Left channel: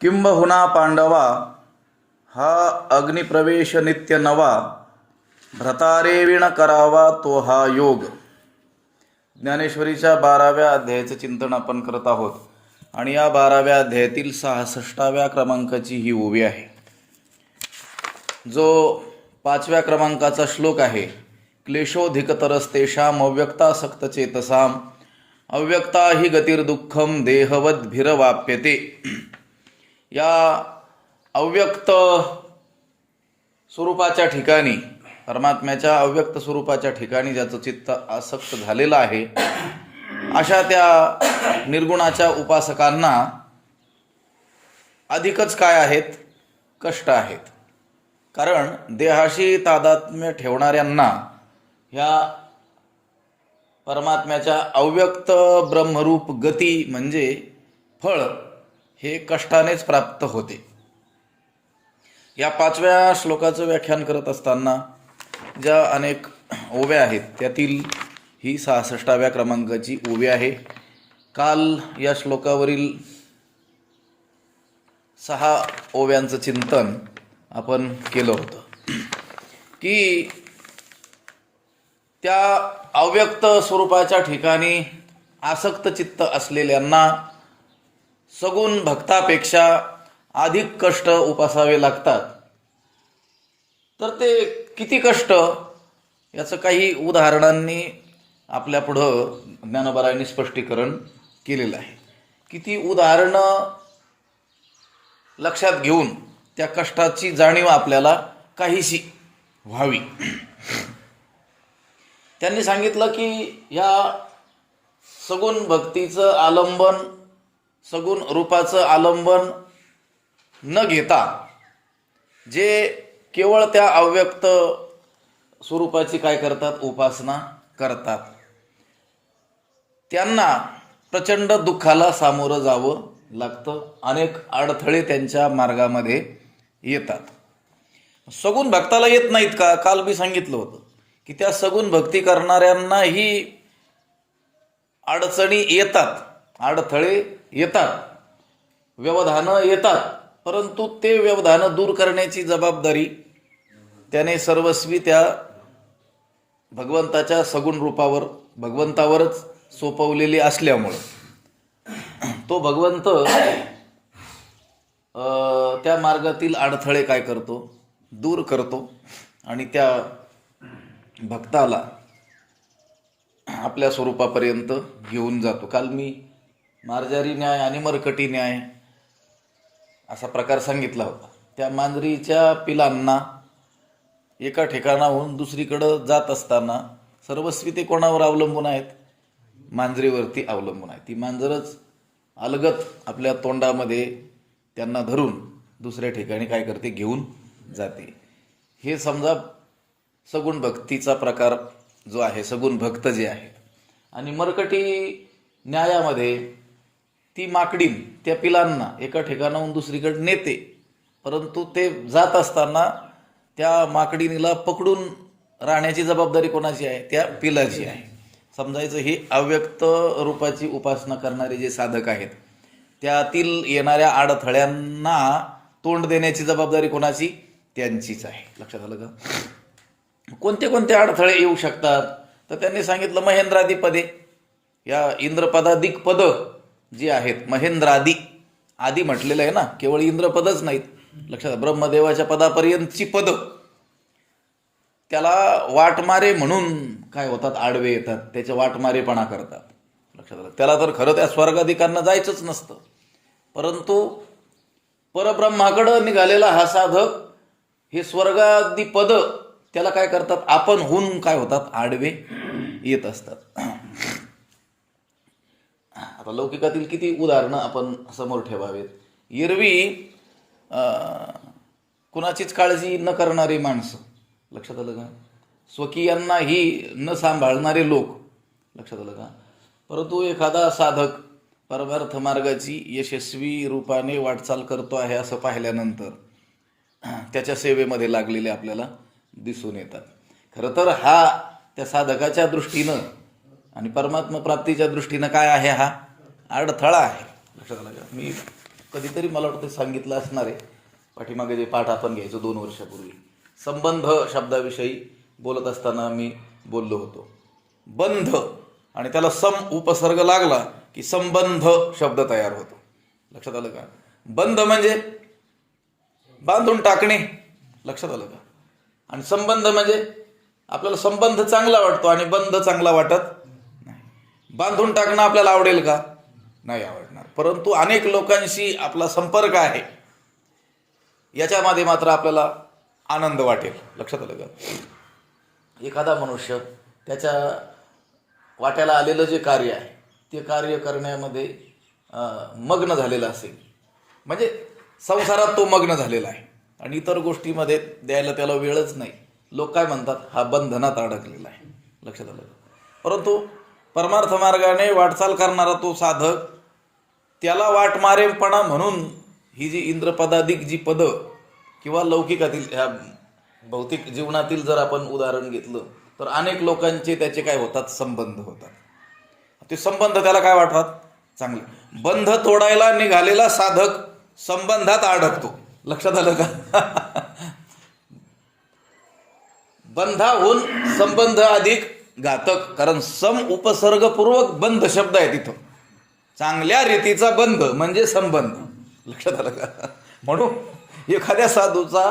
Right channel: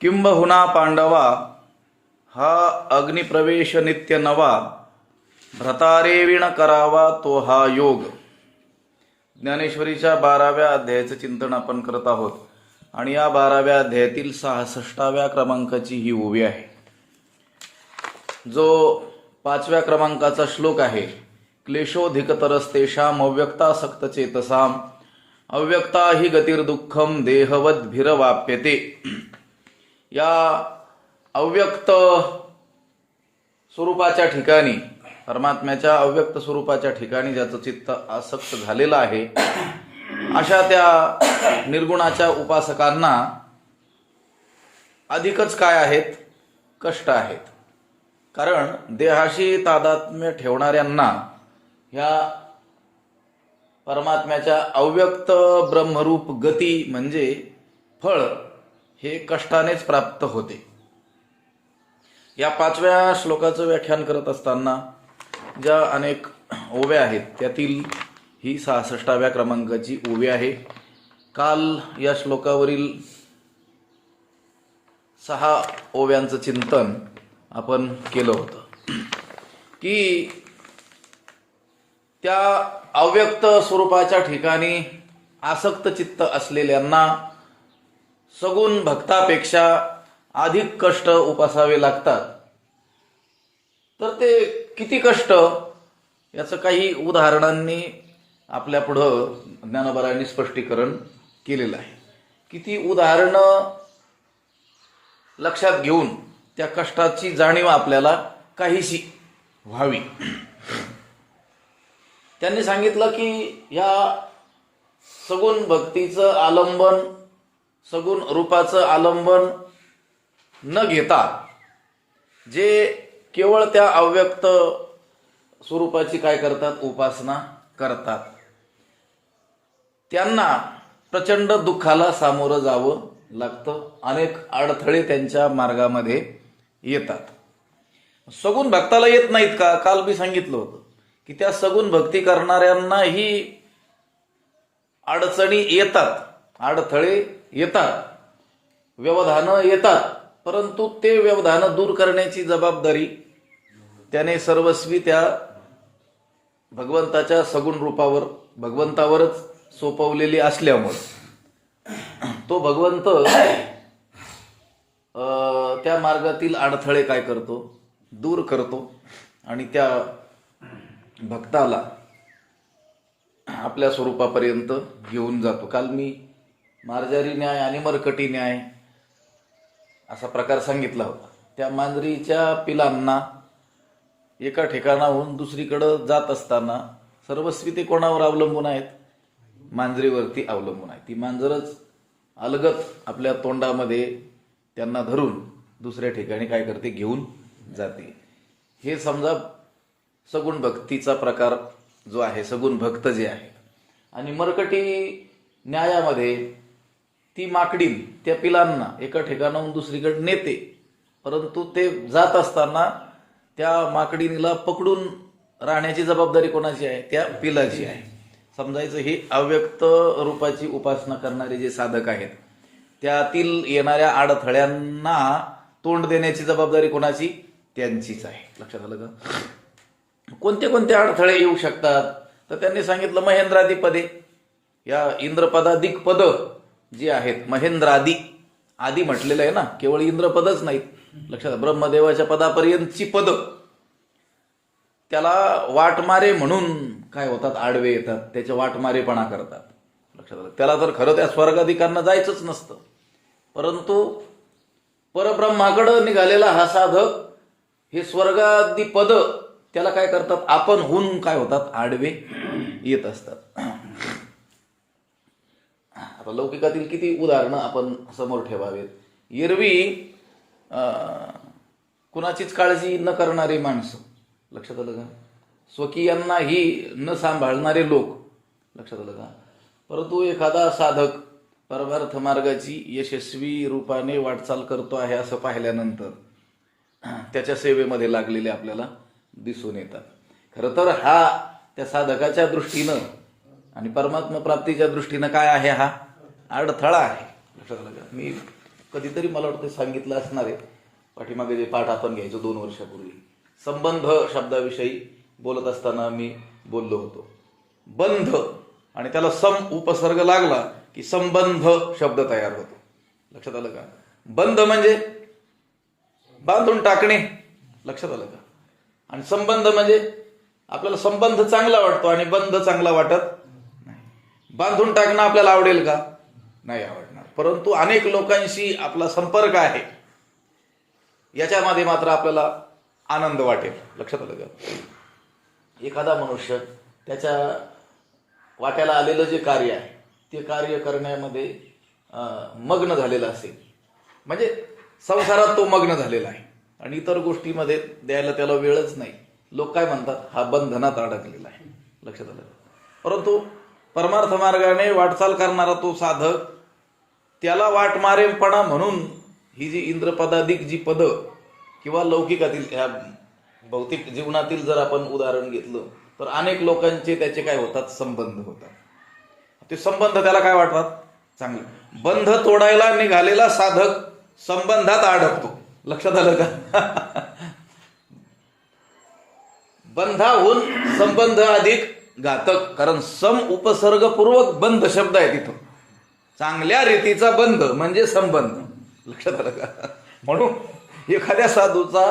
किंबहुना पांडवा हा अग्निप्रवेश नित्य नवा, भ्रतारेविण करावा तो हा योग. ज्ञानेश्वरीच्या 12व्या अध्यायाचं चिंतन आपण करत आहोत आणि या 12व्या अध्यायातील 66व्या क्रमांकाची ही ओवी आहे. जो 5व्या क्रमांकाचा श्लोक आहे, क्लेशोधिकतरस्तेषाम अव्यक्तासक्त चेतसाम अव्यक्ता हि गतिर्दुःखम देहवद्भिरवाप्यते. या अव्यक्त स्वरूपाच्या ठिकाणी, परमात्म्याच्या अव्यक्त स्वरूपाच्या ठिकाणी ज्याचं चित्त आसक्त झालेलं आहे, अशा त्या निर्गुणाच्या उपासकांना अधिकच काय आहेत? कष्ट आहेत. कारण देहाशी तादात्म्य ठेवणाऱ्यांना ह्या परमात्म्याच्या अव्यक्त ब्रह्मरूप गती म्हणजे फळ हे कष्टानेच प्राप्त होते. या 5व्या श्लोकाचं व्याख्यान करत असताना ज्या अनेक ओव्या आहेत त्यातील ही 66व्या क्रमांकाची ओवी आहे. काल या श्लोकावरील 6 ओव्यांचं चिंतन आपण केलं होतं की त्या अव्यक्त स्वरूपाच्या ठिकाणी आसक्त चित्त असलेल्यांना सगुण भक्तापेक्षा अधिक कष्ट उपासावे लागतात. तर ते किती कष्ट याचं काही उदाहरणांनी आपल्या पुढं ज्ञानोबारायांनी स्पष्टीकरण केलेलं आहे. किती उदाहरणं लक्षात घेऊन त्या कष्टाची जाणीव आपल्याला काहीशी व्हावी. त्यांनी सांगितलं की ह्या सगुण भक्तीचं आलंबन, सगुण रूपाचं आलंबन न घेता जे केवळ त्या अव्यक्त स्वरूपाची काय करतात? उपासना करतात, त्यांना प्रचंड दुःखाला सामोरं जावं लागतं. अनेक अडथळे त्यांच्या मार्गामध्ये येतात. सगुण भक्ताला येत नाहीत का? काल मी सांगितलं होतं की त्या सगुण भक्ती करणाऱ्यांनाही अडचणी येतात, अडथळे येतात, व्यवधानं येतात. परंतु ते व्यवधानं दूर करण्याची जबाबदारी त्याने सर्वस्वी त्या भगवंताच्या सगुण रूपावर, भगवंतावरच सोपवलेली असल्यामुळे तो भगवंत त्या मार्गातील अडथळे काय करतो? दूर करतो आणि त्या भक्ताला आपल्या स्वरूपापर्यंत घेऊन जातो. काल मी मार्जारी न्याय आणि मरकटी न्याय असा प्रकार सांगितला होता. त्या मांजरीच्या पिलांना एका ठिकाणाहून दुसरीकडं जात असताना सर्वस्वी ते कोणावर अवलंबून आहेत? मांजरीवरती अवलंबून आहे. ती मांजरच अलगत आपल्या तोंडामध्ये त्यांना धरून दुसऱ्या ठिकाणी काय करते? घेऊन जाते. हे समजा सगुण भक्तीचा प्रकार जो आहे, सगुण भक्त जे आहे. आणि मरकटी न्यायामध्ये ती माकडीन त्या पिलांना एका ठिकाणाहून दुसरीकडे नेते, परंतु ते जात असताना त्या माकडीनीला पकडून राहण्याची जबाबदारी कोणाची आहे? त्या पिलाची आहे. समजायचं हे अव्यक्त रूपाची उपासना करणारे जे साधक आहेत त्यातील येणाऱ्या अडथळ्यांना तोंड देण्याची जबाबदारी कोणाची? त्यांचीच आहे. लक्षात आलं का? कोणते कोणते अडथळे येऊ शकतात? तर त्यांनी सांगितलं महेंद्रादी पदे, या इंद्रपदाधिक पद जी आहेत, महेंद्रादी आदी म्हटलेलं आहे ना, केवळ इंद्रपदच नाहीत. लक्षात, ब्रह्मदेवाच्या पदापर्यंतची पद त्याला वाटमारे म्हणून काय होतात? आडवे येतात, त्याचे वाटमारेपणा करतात. लक्षात आलं? त्याला तर खरं त्या स्वर्गाधिकांना जायचंच नसतं, परंतु परब्रह्माकडं निघालेला हा साधक हे स्वर्गादी पद त्याला काय करतात? आपण होऊन काय होतात? आडवे येत असतात. आता लौकिकातील किती उदाहरणं आपण समोर ठेवावेत. एरवी कुणाचीच काळजी न करणारी माणसं, लक्षात आलं का? स्वकीयांनाही न सांभाळणारे लोक, लक्षात आलं का? परंतु एखादा साधक परमार्थ मार्गाची यशस्वी रूपाने वाटचाल करतो आहे असं पाहिल्यानंतर त्याच्या सेवेमध्ये लागलेले आपल्याला दिसून येतात. खरं तर हा त्या साधकाच्या दृष्टीनं आणि परमात्मा प्राप्तीच्या दृष्टीनं काय आहे? हा अडथळा आहे. लक्षात आलं का? मी कधीतरी मला वाटतं सांगितलं असणार आहे, पाठीमागे जे पाठ आपण घ्यायचो 2 वर्षापूर्वी. संबंध शब्दाविषयी बोलत असताना मी बोललो होतो. बंध आणि त्याला सम उपसर्ग लागला की संबंध शब्द तयार होतो. लक्षात आलं का? बंध म्हणजे बांधून टाकणे. लक्षात आलं का? आणि संबंध म्हणजे आपल्याला संबंध चांगला वाटतो आणि बंध चांगला वाटत नाही. बांधून टाकणं आपल्याला आवडेल का? नाही आवडणार. परंतु अनेक लोकांशी आपला संपर्क आहे, याच्यामध्ये मात्र आपल्याला आनंद वाटेल. लक्षात आलं का? एखादा मनुष्य त्याच्या वाट्याला आलेलं जे कार्य आहे ते कार्य करण्यामध्ये मग्न झालेला असेल, म्हणजे संसारात तो मग्न झालेला आहे आणि इतर गोष्टीमध्ये द्यायला त्याला वेळच नाही. लोक काय म्हणतात? हा बंधनात अडकलेला आहे. लक्षात आलं. परंतु परमार्थ मार्गाने वाटचाल करणारा तो साधक, त्याला वाटमारेपणा म्हणून ही जी इंद्रपदाधिक जी पदं किंवा लौकिकातील ह्या भौतिक जीवनातील जर आपण उदाहरण घेतलं तर अनेक लोकांचे त्याचे काय होतात? संबंध होतात. ते संबंध त्याला काय वाटतात? चांगले. बंध तोडायला निघालेला साधक संबंधात अडकतो. लक्षात आलं का? बंधाहून संबंध अधिक घातक, कारण सम उपसर्गपूर्वक बंध शब्द आहे तिथं. चांगल्या रीतीचा बंध म्हणजे संबंध. लक्षात आलं का? म्हणून एखाद्या साधूचा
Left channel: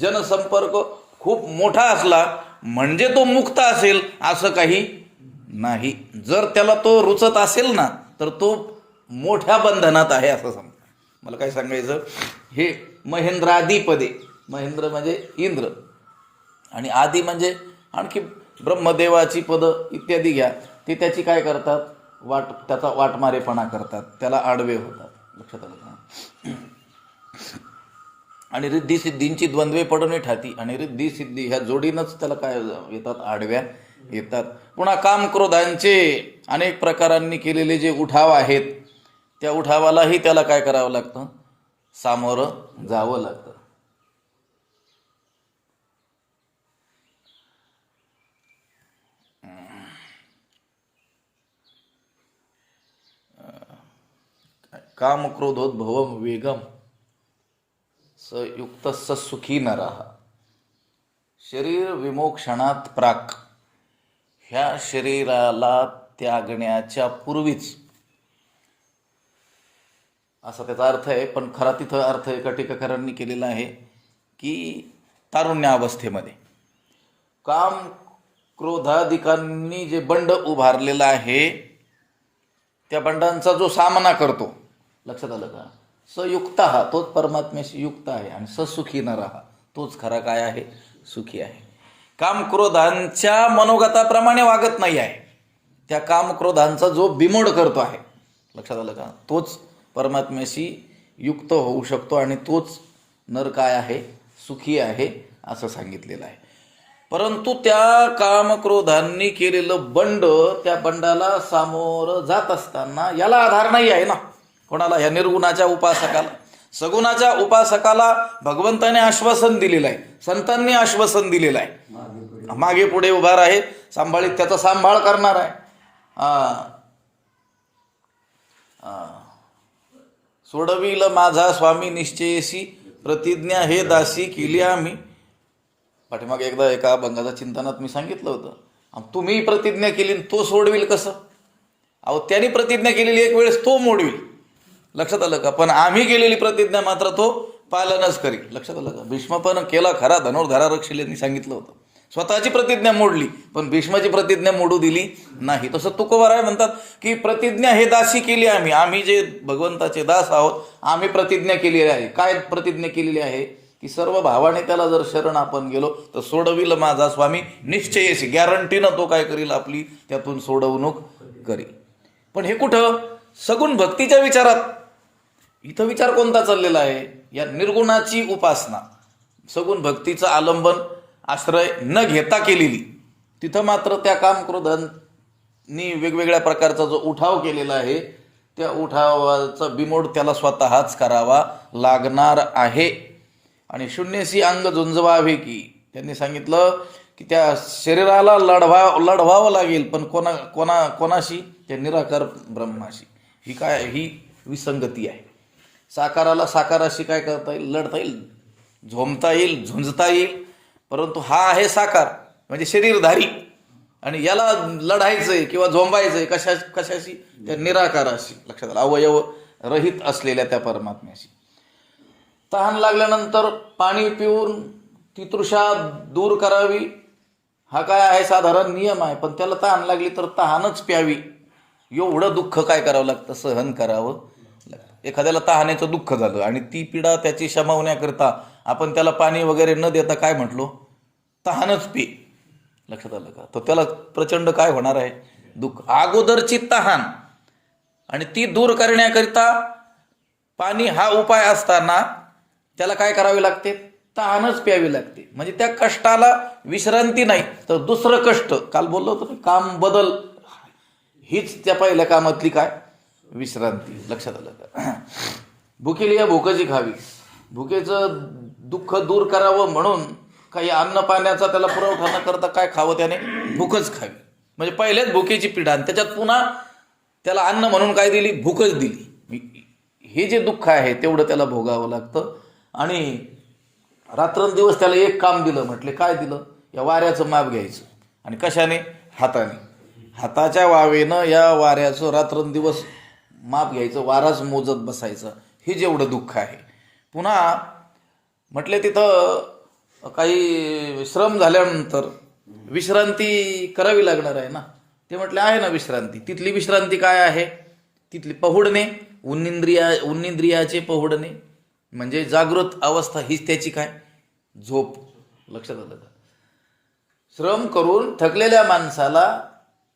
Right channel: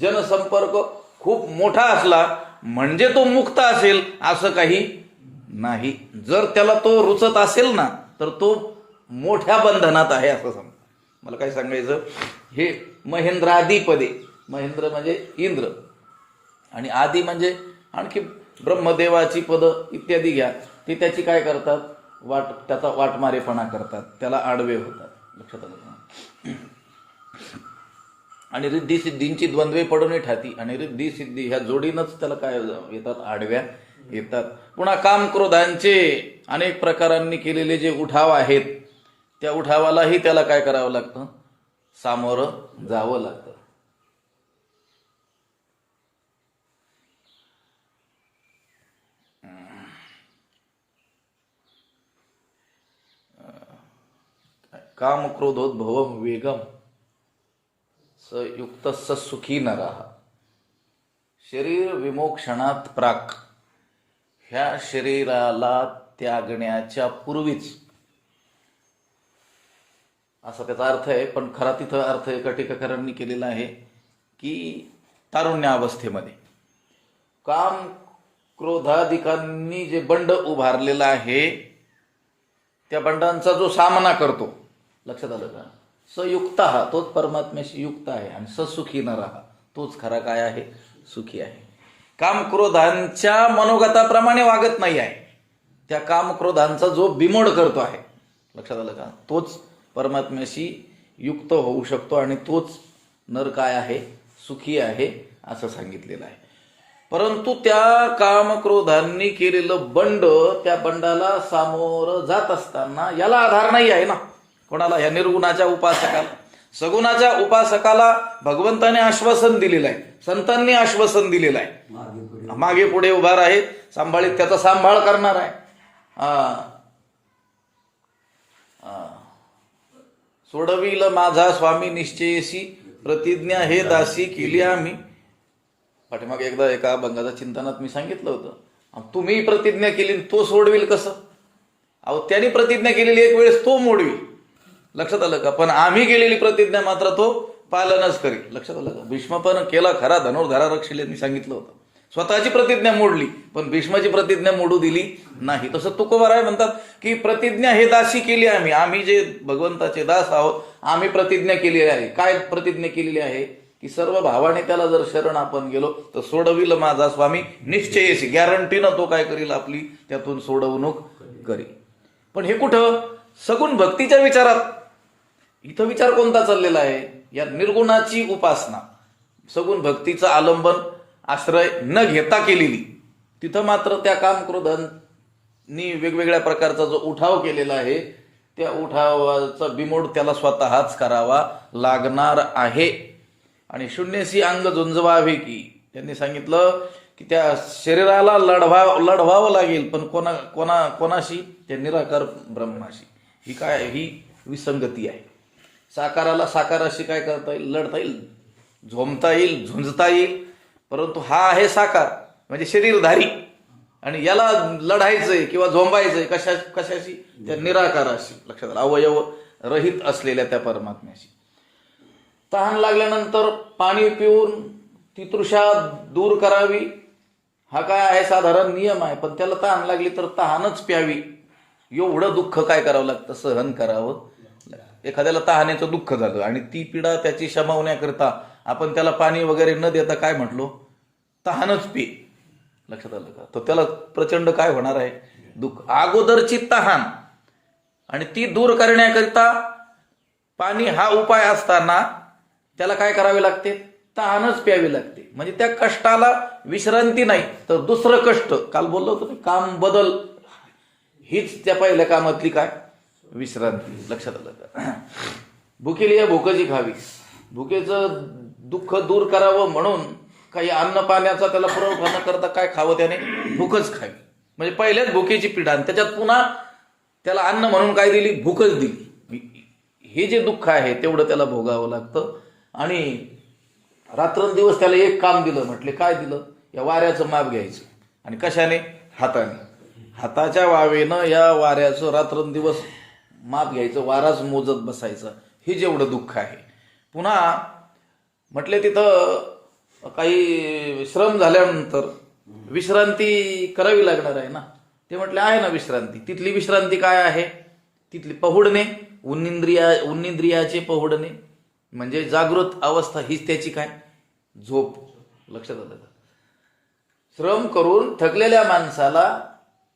जनसंपर्क खूप मोठा असला म्हणजे तो मुक्त असेल असं काही नाही. जर त्याला तो रुचत असेल ना तर तो मोठ्या बंधनात आहे असं समजा. मला काय सांगायचं? हे महेंद्रादी पदे, महेंद्र म्हणजे इंद्र आणि आदी म्हणजे आणखी ब्रह्मदेवाची पदं इत्यादी घ्या, ते त्याची काय करतात? त्याचा वाटमारेपणा करतात, त्याला आडवे होतात. लक्षात आलं का? आणि रिद्धी सिद्धींची द्वंद्वे पडणे ठाती आणि रिद्धी सिद्धी ह्या जोडीनंच त्याला काय येतात? आडव्या येतात. पुन्हा काम क्रोधांचे अनेक प्रकारांनी केलेले जे उठाव आहेत त्या उठावालाही त्याला काय करावं लागतं? सामोरं जावं लागतं. काम क्रोधोद्भवम वेगम युक्त सुखी नरः. शरीर विमोक्षणात प्राक, ह्या शरीराला त्यागण्याच्या पूर्वीच, असा त्याचा अर्थ आहे. पण खरा तिथं अर्थ एका टीकाकारांनी केलेला आहे की तारुण्यावस्थेमध्ये काम क्रोधाधिकांनी जे बंड उभारलेला आहे त्या बंडांचा जो सामना करतो. लक्षात आलं का? सयुक्त हा तोच परमात्म्याशी युक्त आहे आणि ससुखी नरः तोच खरा काय आहे? सुखी आहे. काम क्रोधांच्या मनोगताप्रमाणे वागत नाही आहे, त्या काम क्रोधांचा जो बिमोड करतो आहे. लक्षात आलं का? तोच परमात्म्याशी युक्त होऊ शकतो आणि तोच नर काय आहे? सुखी आहे असं सांगितलेलं आहे. परंतु त्या कामक्रोधांनी केलेलं बंड, त्या बंडाला सामोरं जात असताना याला आधार नाही आहे ना. कोणाला? या निर्गुणाच्या उपासकाला. सगुणाच्या उपासकाला भगवंताने आश्वासन दिलेलं आहे, संतांनी आश्वासन दिलेलं आहे. मागे पुढे उभा आहे, सांभाळीत त्याचा सांभाळ करणार आहे. सोडविल माझा स्वामी निश्चयसी, प्रतिज्ञा हे दासी केली आम्ही. पाठीमागे एकदा एका अभंगाच्या चिंतनात मी सांगितलं होतं, तुम्ही प्रतिज्ञा केली तो सोडविल कसं? अहो, त्यांनी प्रतिज्ञा केलेली एक वेळेस तो मोडविल. लक्षात आलं का? पण आम्ही केलेली प्रतिज्ञा मात्र तो पालनच करील. लक्षात आलं का? भीष्म पण केला खरा, धनुर्धारा रक्षिल यांनी सांगितलं होतं. स्वतःची प्रतिज्ञा मोडली पण भीष्माची प्रतिज्ञा मोडू दिली नाही. तसं तुकोबाराय म्हणतात की प्रतिज्ञा हे दासी केली आम्ही. आम्ही जे भगवंताचे दास आहोत, आम्ही प्रतिज्ञा केलेली आहे. काय प्रतिज्ञा केलेली आहे? की सर्व भावाने त्याला जर शरण आपण गेलो तर सोडविल माझा स्वामी निश्चयशी, गॅरंटीनं तो काय करील? आपली त्यातून सोडवणूक करील. पण हे कुठं? सगुण भक्तीच्या विचारात. इथं विचार कोणता चाललेला आहे? या निर्गुणाची उपासना, सगुण भक्तीचं आलंबन आश्रय न घेता केलेली. तिथं मात्र त्या कामक्रोधांनी वेगवेगळ्या प्रकारचा जो उठाव केलेला आहे त्या उठावाचा बिमोड त्याला स्वतःच करावा लागणार आहे. आणि शून्यशी अंग झुंजवावे की, त्यांनी सांगितलं की त्या शरीराला लढवावं लागेल, पण कोणाशी? त्या निराकार ब्रह्माशी. ही काय? ही विसंगती आहे. साकाराला साकाराशी काय करता येईल, लढता येईल, झोंबता येईल, झुंजता येईल. परंतु हा आहे साकार म्हणजे शरीरधारी, आणि याला लढायचंय किंवा झोंबायचंय कशाशी, त्या निराकाराशी. लक्षात आलं, अवयव रहित असलेल्या त्या परमात्म्याशी. तहान लागल्यानंतर पाणी पिऊन ती तृषा दूर करावी, हा काय आहे साधारण नियम आहे. पण त्याला तहान लागली तर तहानच प्यावी, एवढं दुःख काय करावं लागतं, सहन करावं लागतं. एखाद्याला तहानेचं दुःख झालं आणि ती पीडा त्याची शमवण्याकरिता आपण त्याला पाणी वगैरे न देता काय म्हटलो, तहानच पी. लक्षात आलं का? तर त्याला प्रचंड काय होणार आहे, दुःख. अगोदरची तहान आणि ती दूर करण्याकरिता पाणी हा उपाय असताना त्याला काय करावे लागते, तहानच प्यावी लागते. म्हणजे त्या कष्टाला विश्रांती नाही तर दुसरं कष्ट, काल बोललो होतो काम बदल, हीच त्या पहिल्या कामातली काय, विश्रांती. लक्षात आलं का? भुकेली या भुकची खावी, भुकेचं दुःख दूर करावं म्हणून काही अन्न पाण्याचा त्याला पुरवठा न करता काय खावं, त्याने भूकच खावी. म्हणजे पहिल्याच भुकेची पीडा आणि त्याच्यात पुन्हा त्याला अन्न म्हणून काय दिली, भूकच दिली. हे जे दुःख आहे तेवढं त्याला भोगावं लागतं. आणि रात्रंदिवस त्याला एक काम दिलं, म्हटले काय दिलं, या वाऱ्याचं माप घ्यायचं. आणि कशाने, हाताने, हाताच्या वावेनं या वाऱ्याचं रात्रंदिवस माप घ्यायचं, वाराच मोजत बसायचं. हे जेवढं दुःख आहे. पुन्हा म्हटले तिथं काही श्रम झाल्यानंतर विश्रांती करावी लागणार आहे ना. ते म्हटले आहे ना विश्रांती. तिथली विश्रांती काय आहे, तिथली पहुडणे, उन्निंद्रियाचे पहुडणे म्हणजे जागृत अवस्था, हीच त्याची काय, झोप. लक्षात आलं का? श्रम करून थकलेल्या माणसाला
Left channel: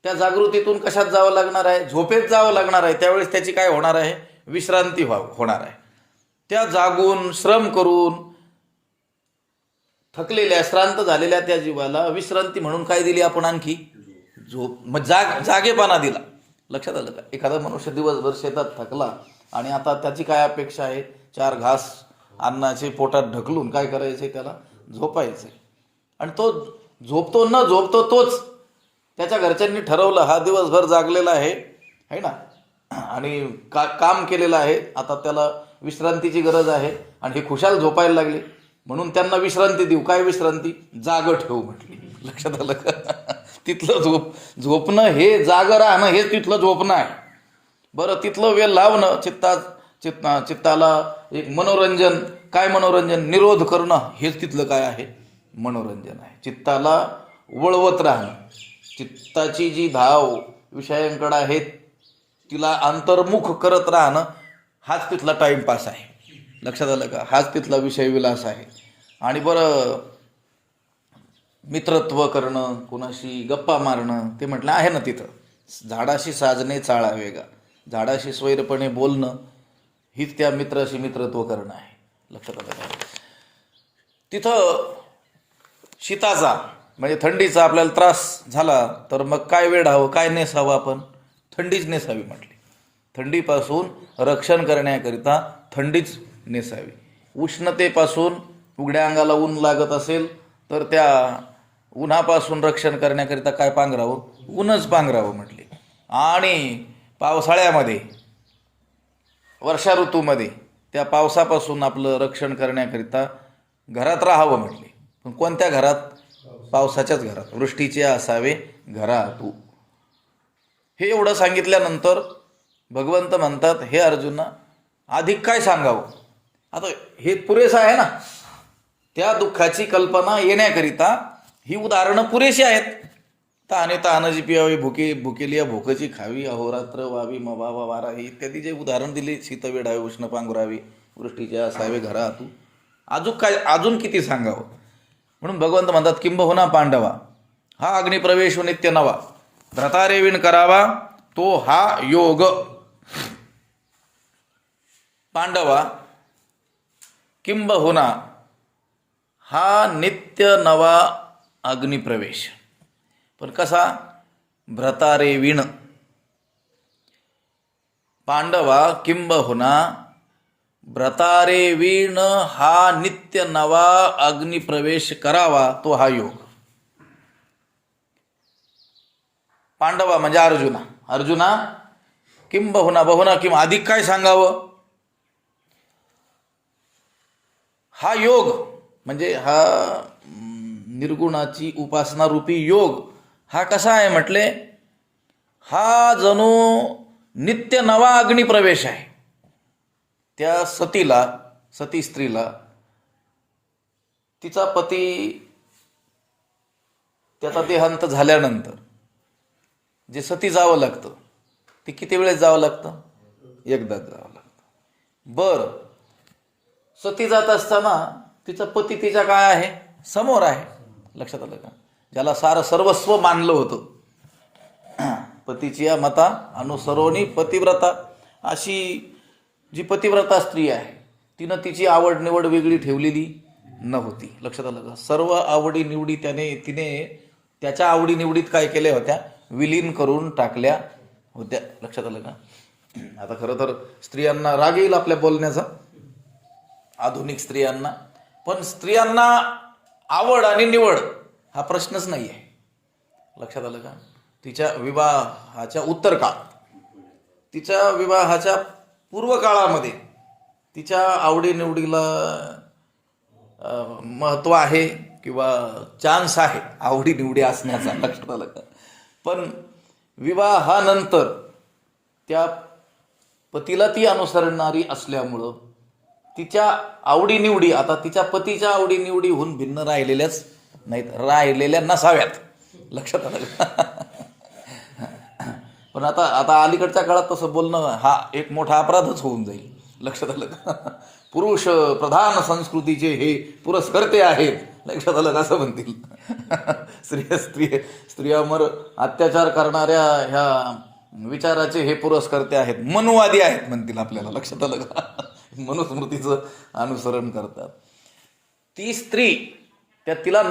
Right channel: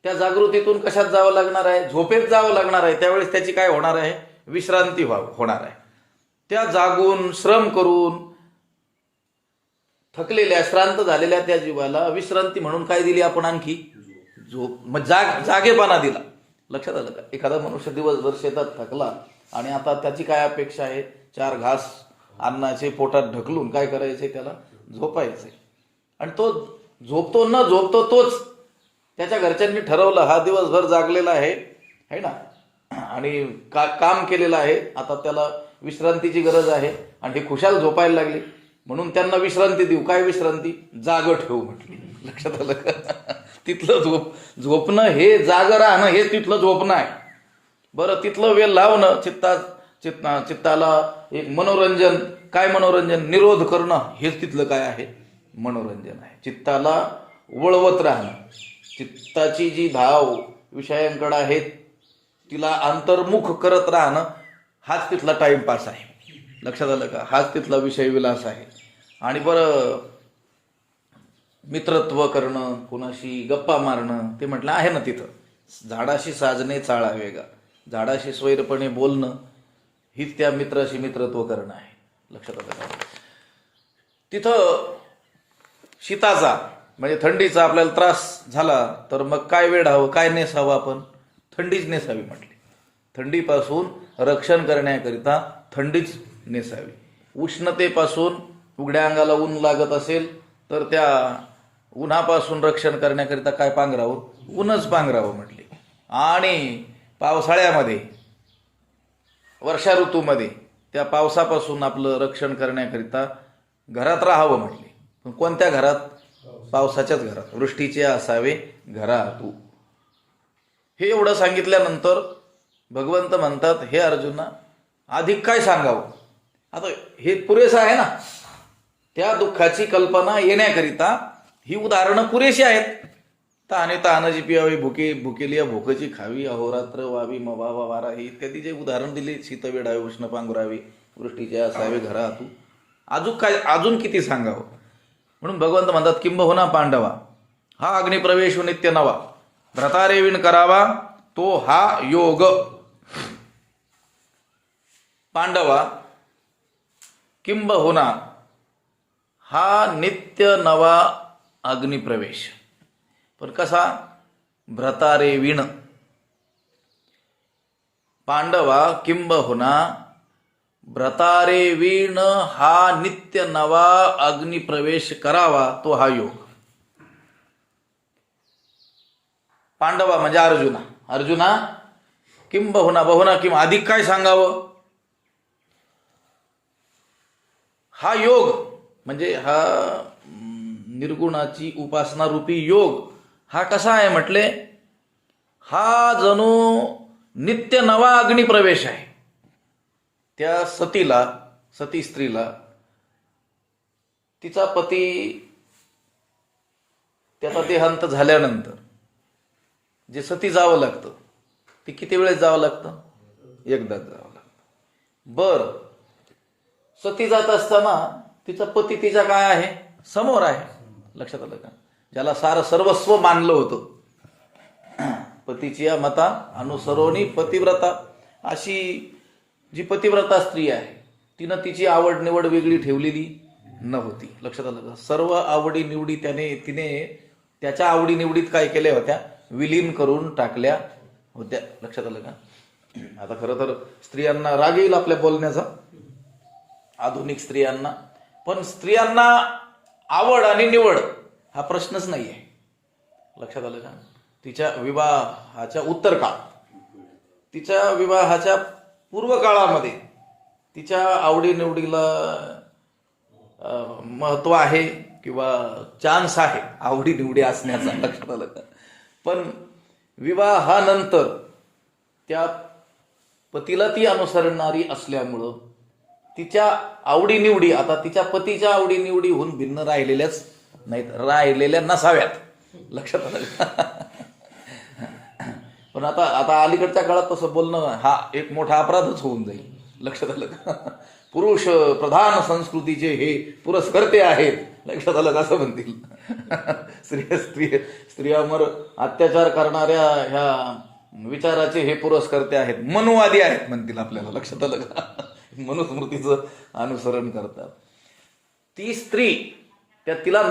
त्या जागृतीतून कशात जावं लागणार आहे, झोपेत जावं लागणार आहे. त्यावेळेस त्याची काय होणार आहे, विश्रांती होणार आहे. त्या जागून श्रम करून थकलेल्या श्रांत झालेल्या त्या जीवाला विश्रांती म्हणून काय दिली आपण, आणखी झोप. मग जागेपणा दिला. लक्षात आलं का? एखादा मनुष्य दिवसभर शेतात थकला आणि आता त्याची काय अपेक्षा आहे, 4 घास अन्नाचे पोटात ढकलून काय करायचे, त्याला झोपायचे. आणि तो झोपतो न झोपतो तोच, त्याच्या घरच्यांनी ठरवलं हा दिवसभर जागलेला आहे ना, आणि काम केलेलं आहे, आता त्याला विश्रांतीची गरज आहे. आणि हे खुशाल झोपायला लागले म्हणून त्यांना विश्रांती देऊ. काय विश्रांती, जाग ठेवू म्हटली. लक्षात आलं का? तिथलं झोपणं हे जाग राहणं, हे तिथलं झोपणं आहे. बरं, तिथलं वेळ लावणं, चित्ताला एक मनोरंजन. काय मनोरंजन, निरोध करणं, हेच तिथलं काय आहे, मनोरंजन आहे. चित्ताला वळवत राहणं, चित्ताची जी धाव विषयांकडे आहे तिला अंतर्मुख करत राहणं, हाच तिथला टाइमपास आहे. लक्षात आलं का? हाच तिथला विषय विलास आहे. आणि बरं, मित्रत्व करणं, कोणाशी गप्पा मारणं, ते म्हटलं आहे ना तिथं. झाडाशी साजणे चाळावे गा, झाडाशी स्वैरपणे बोलणं, हीच त्या मित्राशी मित्रत्व करणं आहे. लक्षात आलं. तिथं शीताचा म्हणजे थंडीचा आपल्याला त्रास झाला तर मग काय वेढावं, काय नेसावं, आपण थंडीच नेसावी म्हटली. थंडीपासून रक्षण करण्याकरिता थंडीच नेसावी. उष्णतेपासून, उघड्या अंगाला ऊन लागत असेल तर त्या उन्हापासून रक्षण करण्याकरिता काय पांघरावं, ऊनच पांघरावं म्हटले. आणि पावसाळ्यामध्ये, वर्षा ऋतूमध्ये त्या पावसापासून आपलं रक्षण करण्याकरिता घरात राहावं म्हटले. पण कोणत्या घरात, पावसाच्याच घरात. वृष्टीचे असावे घरातू. हे एवढं सांगितल्यानंतर भगवंत म्हणतात, हे अर्जुना, अधिक काय सांगावं. आता हे पुरेसं आहे ना, त्या दुःखाची कल्पना येण्याकरिता ही उदाहरणं पुरेशी आहेत. तहानाची पियावी, भुकेली भूकची खावी, अहोरात्र वावी मवावा वारा, ही इत्यादी जे उदाहरण दिली, शीतवेढावे, उष्ण पांघरावी, वृष्टीचे असावे घरातू, अजून किती सांगावं. म्हणून भगवंत म्हणतात, किंबहुना पांडवा, हा अग्निप्रवेश नित्य नवा, भ्रतारेविण करावा तो हा योग. पांडवा, किंबहुना हा नित्य नवा अग्निप्रवेश. पण कसा, भ्रतारेविण. पांडवा, किंबहुना भ्रतारेविण हा नित्य नवा अग्निप्रवेश करावा तो हा योग. पांडवा म्हणजे अर्जुना, किंबहुना, बहुना किंवा अधिक काय सांगावं. हा योग म्हणजे हा निर्गुणाची उपासना रूपी योग हा कसा आहे म्हटले, हा जणू नित्य नवा अग्निप्रवेश आहे. त्या सती स्त्रीला तिचा पती त्याचा देहांत झाल्यानंतर जे सती जावं लागतं ते किती वेळेस जावं लागतं? एकदाच जावं लागतं. बर, सती जात असताना तिचा पती तिच्या काय आहे? समोर आहे. लक्षात आलं का? ज्याला सर्वस्व मानलं होतं, पतीच्या मता अनुसरोनी पतिव्रता, अशी जी पतिव्रता स्त्री आहे तिनं तिची आवड निवड वेगळी ठेवलेली नव्हती. लक्षात आलं का? सर्व आवडी निवडी तिने त्याच्या आवडी निवडीत काय केल्या होत्या? विलीन करून टाकल्या होत्या. लक्षात आलं का? आता खरं तर स्त्रियांना राग येईल आपल्या बोलण्याचा, आधुनिक स्त्रियांना, पण स्त्रियांना आवड आणि निवड हा प्रश्नच नाही आहे. लक्षात आलं का? तिच्या विवाहाच्या उत्तरकाळ, तिच्या विवाहाच्या पूर्व काळामध्ये तिच्या आवडीनिवडीला महत्व आहे किंवा चान्स आहे आवडीनिवडी असण्याचा. लक्षात आलं का? पण विवाहानंतर त्या पतीला ती अनुसरणारी असल्यामुळं तिच्या आवडीनिवडी आता तिच्या पतीच्या आवडीनिवडीहून भिन्न राहिलेल्याच नाहीत, राहिलेल्या नसाव्यात. लक्षात आलं का? पण आता अलीकडच्या काळात तसं बोलणं हा एक मोठा अपराधच होऊन जाईल. लक्षात आलं का? पुरुष प्रधान संस्कृतीचे हे पुरस्कर्ते आहेत. लक्षात आलं का? असं म्हणतील. स्त्रियांवर अत्याचार करणाऱ्या ह्या विचाराचे हे पुरस्कर्ते आहेत, मनुवादी आहेत म्हणतील आपल्याला. लक्षात आलं का? मनुस्मृतीचं अनुसरण करतात. ती स्त्री तिला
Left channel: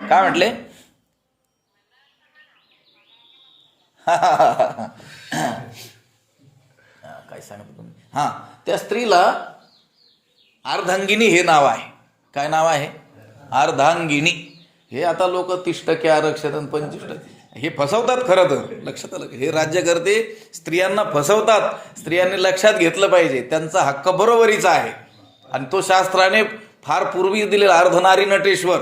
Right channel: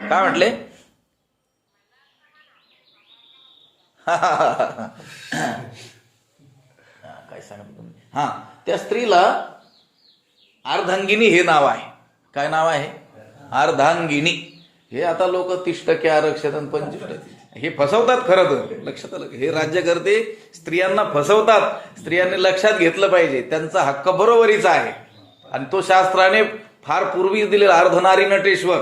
काय म्हटले? काय सांगतो तुम्ही? त्या स्त्रीला अर्धांगिनी हे नाव आहे. काय नाव आहे? अर्धांगिनी. हे आता लोक 30% आरक्षण 25% हे फसवतात खरं तर. लक्षात आलं? हे राज्यकर्ते स्त्रियांना फसवतात. स्त्रियांनी लक्षात घेतलं पाहिजे, त्यांचा हक्क बरोबरीचा आहे. आणि तो शास्त्राने फार पूर्वी दिलेला अर्धनारी नटेश्वर.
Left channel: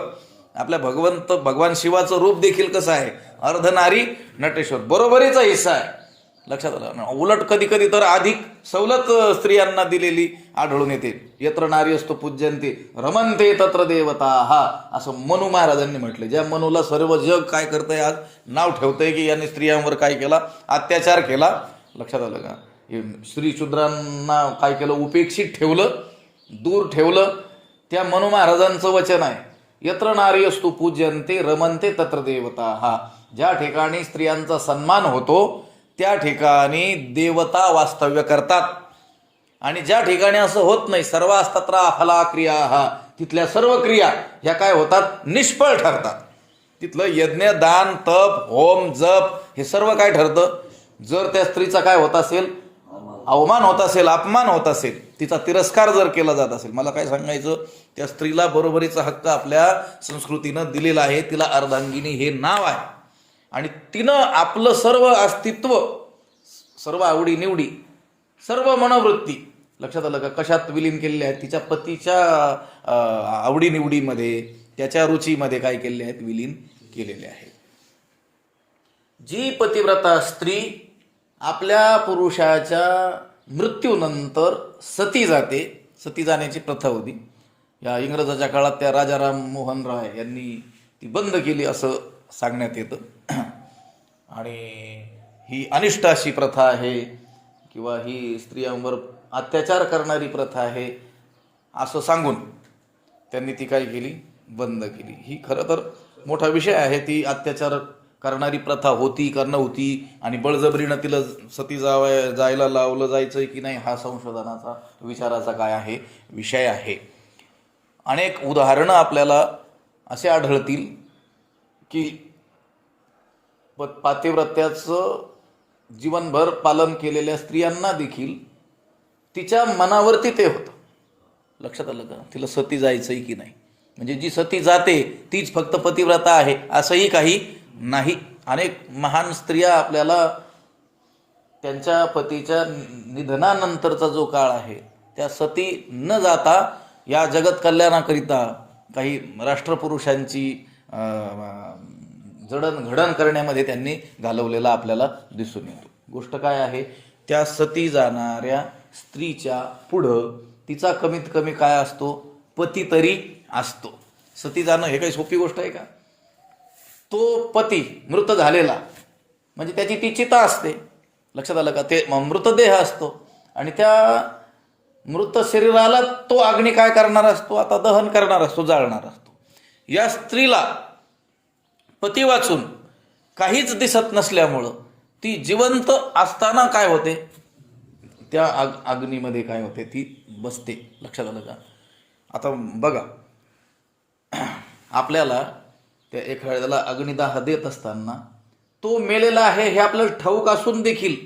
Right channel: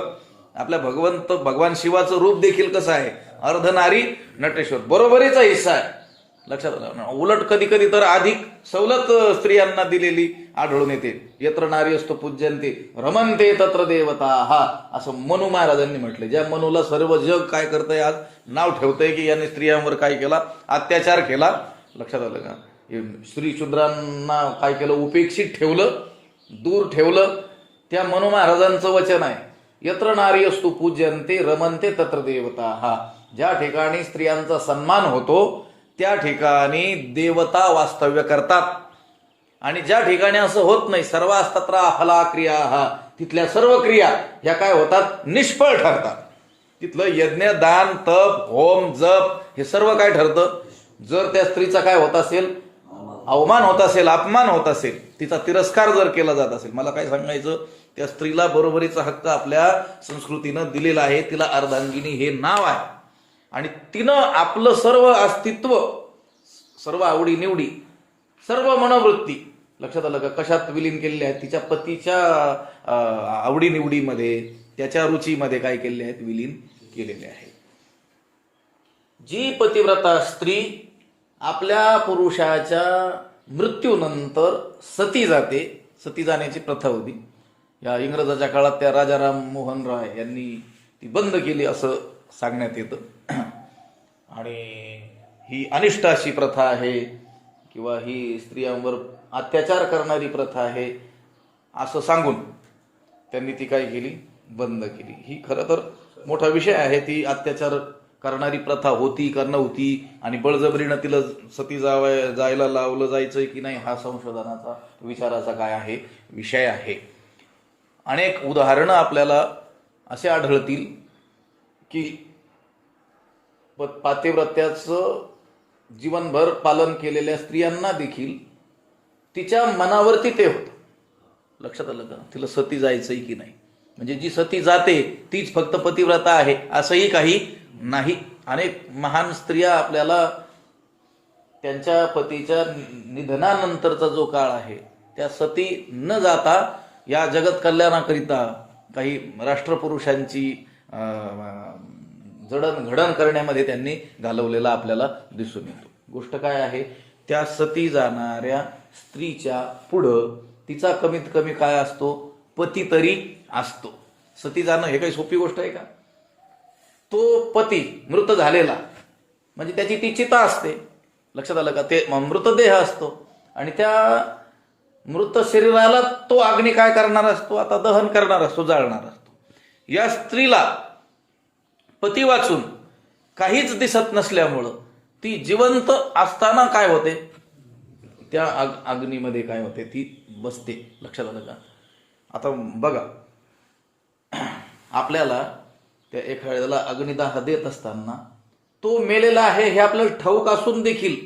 आपल्या भगवान शिवाचं रूप देखील कसं आहे? अर्धनारी नटेश्वर, बरोबरीचा हिस्सा आहे. लक्षात आलं? उलट कधी कधी तर अधिक सवलत स्त्रियांना दिलेली आढळून येते. यत्र नारी असतो पूज्यंते रमनते तत्र देवता, हा असं मनु महाराजांनी म्हटले. ज्या मनुला सर्व जग काय करतंय, आज नाव ठेवतंय की याने स्त्रियांवर काय केला? अत्याचार केला. लक्षात आलं का? स्त्री शूद्रांना काय केलं? उपेक्षित ठेवलं, दूर ठेवलं. त्या मनु महाराजांचं वचन आहे, यत्र नारी असतो पूज्यंते रमनते तत्र देवता, हा ज्या ठिकाणी स्त्रियांचा सन्मान होतो त्या ठिकाणी देवता वास्तव्य करतात. आणि ज्या ठिकाणी असं होत नाही, सर्वास्तत्र अफला क्रिया, हा तिथल्या सर्व क्रिया ह्या काय होतात? निष्फळ ठरतात. तिथलं यज्ञ, दान, तप, होम, जप हे सर्व काय ठरतं? जर त्या स्त्रीचा काय होत असेल? अवमान होत असेल, अपमान होत असेल, तिचा तिरस्कार जर केला जात असेल, मला काय सांगायचं? त्या स्त्रीला बरोबरीचा हक्क आपल्या संस्कृतीनं दिलेला आहे. तिला अर्धांगिनी हे नाव आहे. आणि तिनं आपलं सर्व अस्तित्व, सर्व आवडीनिवडी, सर्व मनोवृत्ती, लक्षात आलं का, कशात विलीन केलेल्या आहेत? तिच्या पतीच्या आवडीनिवडीमध्ये, त्याच्या रुचीमध्ये काय केलेले आहेत? विलीन केलेले आहेत. जी पतिव्रता स्त्री आपल्या पुरुषाच्या मृत्यूनंतर सती जाते, सती जाण्याची प्रथा होती. या इंग्रजाच्या काळात त्या राजाराम मोहन राय यांनी ती बंद केली असं सांगण्यात येतं. आणि ही अनिष्ट अशी प्रथा आहे किंवा ही स्त्रियांवर अत्याचार करणारी प्रथा आहे असं सांगून त्यांनी ती काय केली? बंद केली. ही खरं तर मोठा विषय आहे. ती अत्याचार करणारी प्रथा होती का नव्हती आणि बळजबरीनं तिला सती जायला लावलं जायचं की नाही, हा संशोधनाचा, विचाराचा काय आहे? विषय आहे. अनेक उदाहरणं आपल्याला असे आढळतील की पातिव्रत्याचं जीवनभर पालन केलेल्या स्त्रियांना देखील तिच्या मनावरती ते होतं. लक्षात आलं का? तिला सती जायचंय की नाही, म्हणजे जी सती जाते तीच फक्त पतिव्रता आहे असंही काही नाही. अनेक महान स्त्रिया आपल्याला त्यांच्या पतीच्या निधनानंतरचा जो काळ आहे त्या सती न जाता या जगत कल्याणाकरिता काही राष्ट्रपुरुषांची जडणघडण करण्यामध्ये त्यांनी घालवलेला आपल्याला दिसून येतो. गोष्ट काय आहे, त्या सती जाणाऱ्या स्त्रीच्या पुढं तिचा कमीत कमी काय असतो, पती तरी असतो. सती जाणं हे काही सोपी गोष्ट आहे का? तो पती मृत झालेला म्हणजे त्याची ती चिता असते, लक्षात आलं का? ते मृतदेह असतो आणि त्या मृत शरीराला तो अग्नी काय करणार असतो, आता दहन करणार असतो, जाळणार असतो. या स्त्रीला पती वाचून काहीच दिसत नसल्यामुळं ती जिवंत असताना काय होते, त्या अग्नीमध्ये काय होते, ती बसते. लक्षात आलं का? आता बघा, आपल्याला त्या एखाद्याला अग्निदाह देत असताना तो मेलेला आहे हे आपल्याला ठाऊक असून देखील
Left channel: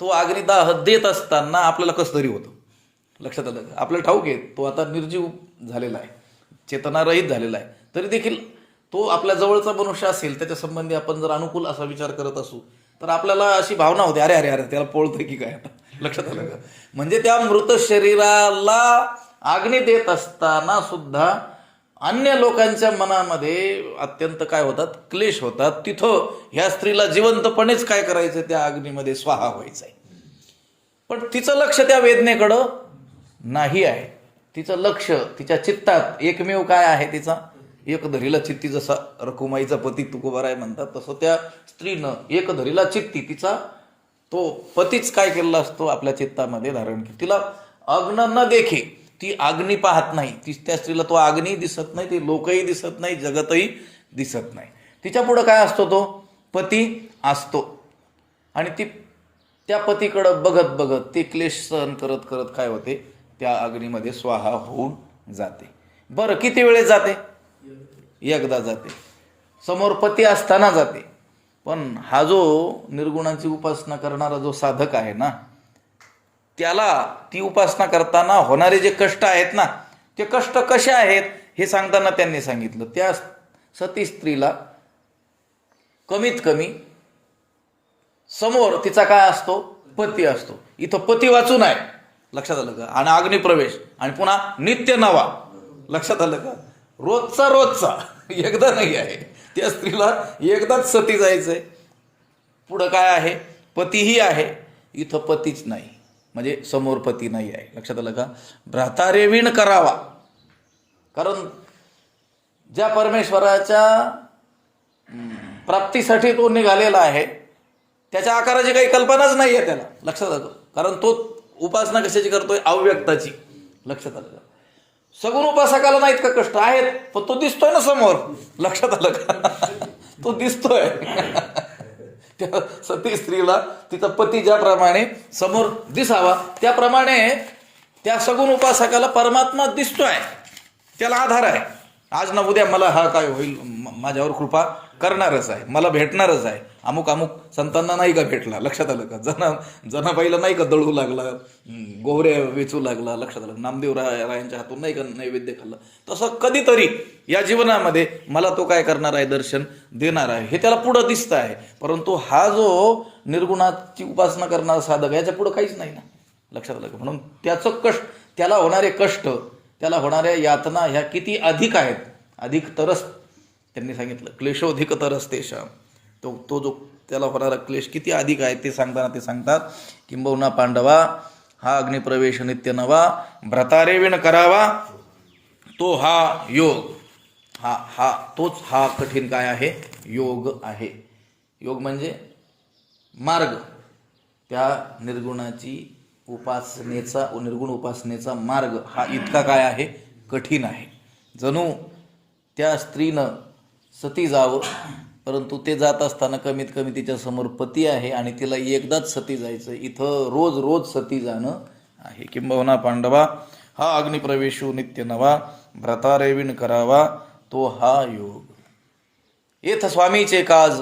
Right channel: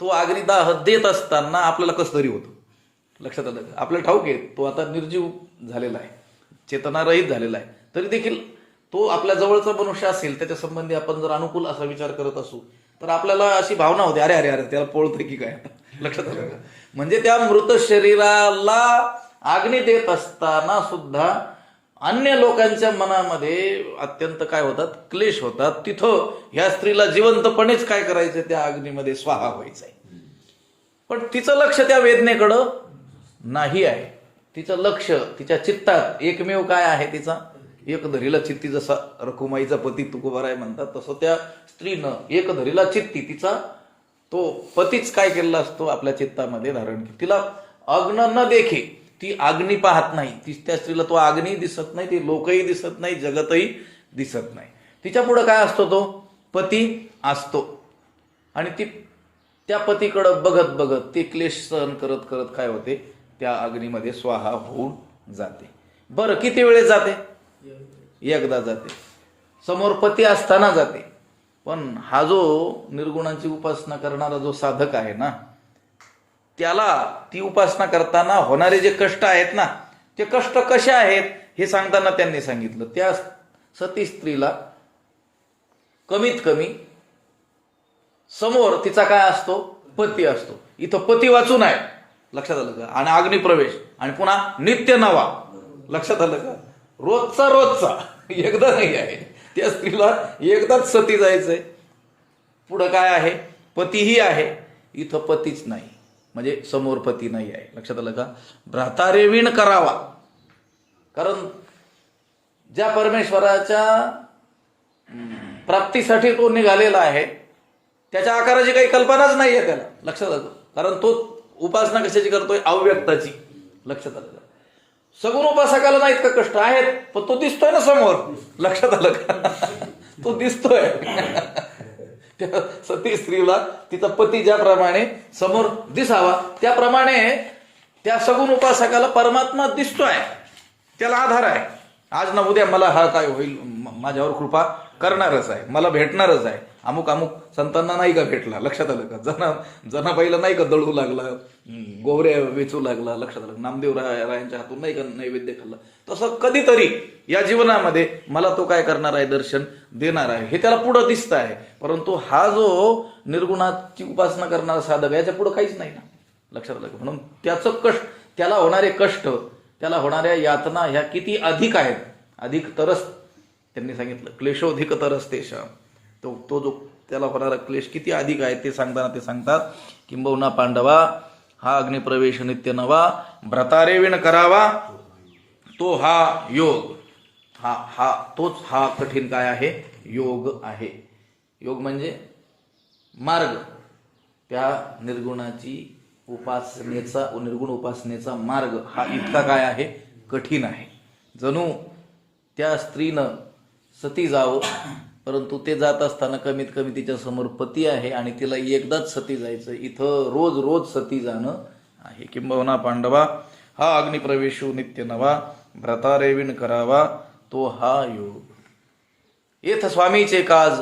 तो अग्निदाह देत असताना आपल्याला कसं तरी होतं. लक्षात आलं का? आपल्याला ठाऊक आहे तो आता निर्जीव झालेला आहे, चेतनारहित झालेला आहे, तरी देखील तो आपल्या जवळचा मनुष्य असेल त्याच्या संबंधी आपण जर अनुकूल असा विचार करत असू तर आपल्याला अशी भावना होते, अरे अरे अरे त्याला पोळतंय की काय. लक्षात आलं का? म्हणजे त्या मृत शरीराला अग्नी देत असताना सुद्धा अन्य लोकांच्या मनामध्ये अत्यंत काय होतात, क्लेश होतात. तिथं ह्या स्त्रीला जिवंतपणेच काय करायचं, त्या अग्नीमध्ये स्वाहा व्हायचंय. पण तिचं लक्ष त्या वेदनेकडं नाही आहे. तिचं लक्ष तिच्या चित्तात एकमेव काय आहे, तिचा एक धरीला चित्ती. जसा रकुमाईचा पती तुकोबाराय म्हणतात तसं त्या स्त्रीनं एक धरीला चित्ती, तिचा तो पतीच काय केलेला असतो आपल्या चित्तामध्ये धारण केलं. तिला अग्न न देखे, ती अग्नी पाहत नाही, ती त्या स्त्रीला तो अग्नी दिसत नाही, ती लोकही दिसत नाही, जगतही दिसत नाही. तिच्या पुढे काय असतो, तो पती असतो आणि ती त्या पतीकडं बघत बघत ती क्लेश सहन करत करत काय होते, त्या अग्नीमध्ये स्वाहा होऊन जाते. बरं, किती वेळेस जाते? एकदा जाते, समोर पती असताना जाते. पण हा जो निर्गुणांची उपासना करणारा जो साधक आहे ना, त्याला ती उपासना करताना होणारे जे कष्ट आहेत ना, ते कष्ट कसे आहेत हे सांगताना त्यांनी सांगितलं. त्या सती स्त्रीला कमीत कमी समोर तिचा काय असतो, पती असतो. इथं पती वाचून आहे, लक्षात आलं का? आणि अग्निप्रवेश आणि पुन्हा नित्य नवा, लक्षात आलं का? रोजचा रोजचा, एकदा नाही आहे. त्या स्त्रीला एकदाच सती जायचंय. पुढं काय आहे, पतीही आहे, इथं पतीच नाही, म्हणजे समोर पती नाही आहे. लक्षात आलं का? भ्रातारेविण करावा. कारण ज्या परमेश्वराच्या प्राप्तीसाठी तो निघालेला आहे त्याच्या आकाराची काही कल्पनाच नाही आहे त्याला. लक्षात आलं? कारण तो उपासना कशाची करतोय, अव्यक्ताची. लक्षात आलं का? सगुण उपासकाला नाहीत का कष्ट आहेत, पण तो दिसतोय ना समोर. लक्षात आलं का? तो दिसतोय. त्या सती स्त्रीला तिचा पती ज्याप्रमाणे समोर दिसावा त्याप्रमाणे त्या सगुण उपासकाला परमात्मा दिसतोय, त्याला आधार आहे. आज ना उद्या मला हा काय होईल, माझ्यावर कृपा करणारच आहे, मला भेटणारच आहे. अमुक अमुक संतांना नाही का भेटला. लक्षात आलं का? जनाबाईला नाही का दळू लागला, गोवऱ्या वेचू लागला. लक्षात आलं? नामदेव रायांच्या हातून नाही का नैवेद्य खाल्ला. तसं कधीतरी या जीवनामध्ये मला तो काय करणार आहे, दर्शन देणार आहे, हे त्याला पुढं दिसत आहे. परंतु हा जो निर्गुणाची उपासना करणारा साधक आहे याच्या पुढं काहीच नाही ना. लक्षात आलं का? म्हणून त्याचं कष्ट, त्याला होणारे कष्ट, त्याला होणाऱ्या यातना ह्या किती अधिक आहेत. अधिक तरस त्यांनी सांगितलं, क्लेशोधिक तरसतेशा. तो जो त्याला होणारा क्लेश किती अधिक आहे ते सांगताना ते सांगतात, किंबहुना पांडवा हा अग्निप्रवेश नित्य नवा, भ्रतारेविण करावा तो हा योग. तोच हा कठीण काय आहे, योग आहे. योग म्हणजे मार्ग. त्या निर्गुणाची उपासनेचा, निर्गुण उपासनेचा मार्ग हा इतका काय आहे, कठीण आहे. जणू त्या स्त्रीनं सती जावं, परंतु ते जात असताना कमीत कमी तिच्या समोर पती आहे आणि तिला एकदाच सती जायचं. इथं रोज रोज सती जाणं आहे. किंबहुना पांडवा हा अग्निप्रवेशो नित्य नवा, भ्रतारेविण करावा तो हा योग. येथ स्वामीचे काज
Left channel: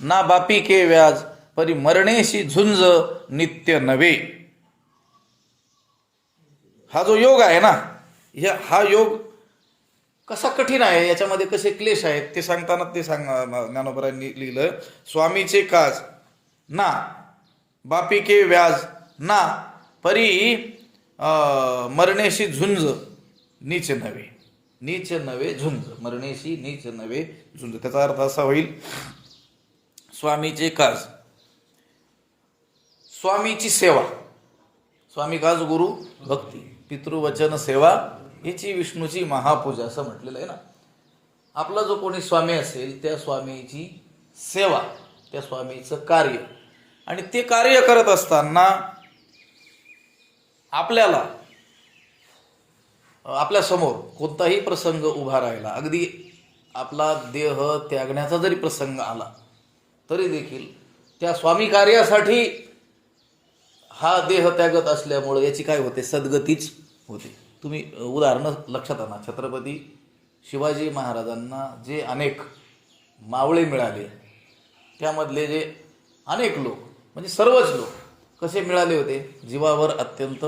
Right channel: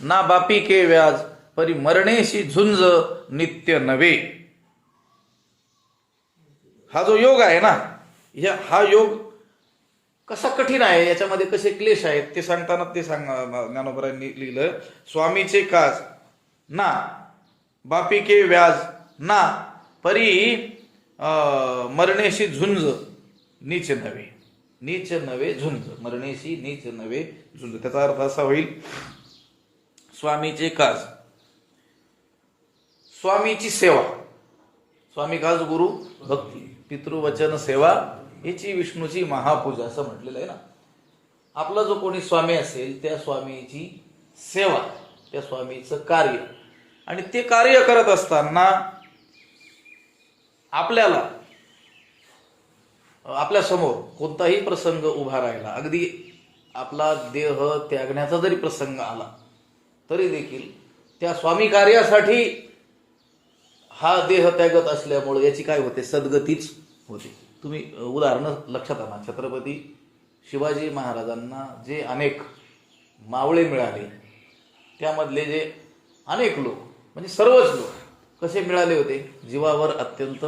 ना बापी के व्याज, परी मरणेशी झुंज नित्य नवे. हा जो योग आहे ना, हा योग कसा कठीण आहे, याच्यामध्ये कसे क्लेश आहेत ते सांगताना ते ज्ञानोबरांनी लिहिलं. स्वामीचे काज ना बापी के व्याज ना परी मरणेशी झुंज नीच नव्हे. नीच नव्हे झुंज, मरणेशी नीच नव्हे झुंज. त्याचा अर्थ असा होईल, स्वामीचे काज, स्वामीची सेवा. स्वामी काज गुरु भक्ती, पितृवचन सेवा हिची विष्णूची महापूजा असं म्हटलेलं आहे ना. आपला जो कोणी स्वामी असेल त्या स्वामीची सेवा, त्या स्वामीचं कार्य, आणि ते कार्य करत असताना आपल्याला आपल्या समोर कोणताही प्रसंग उभा राहिला, अगदी आपला देह त्यागण्याचा जरी प्रसंग आला तरी देखील त्या स्वामी कार्यासाठी हा देह त्यागत असल्यामुळे याची काय होते, सद्गतीच होते. तुम्ही उदाहरणं लक्षात आणा. छत्रपती शिवाजी महाराजांना जे अनेक मावळे मिळाले, त्यामधले जे अनेक लोक म्हणजे सर्वच लोक कसे मिळाले होते, जीवावर अत्यंत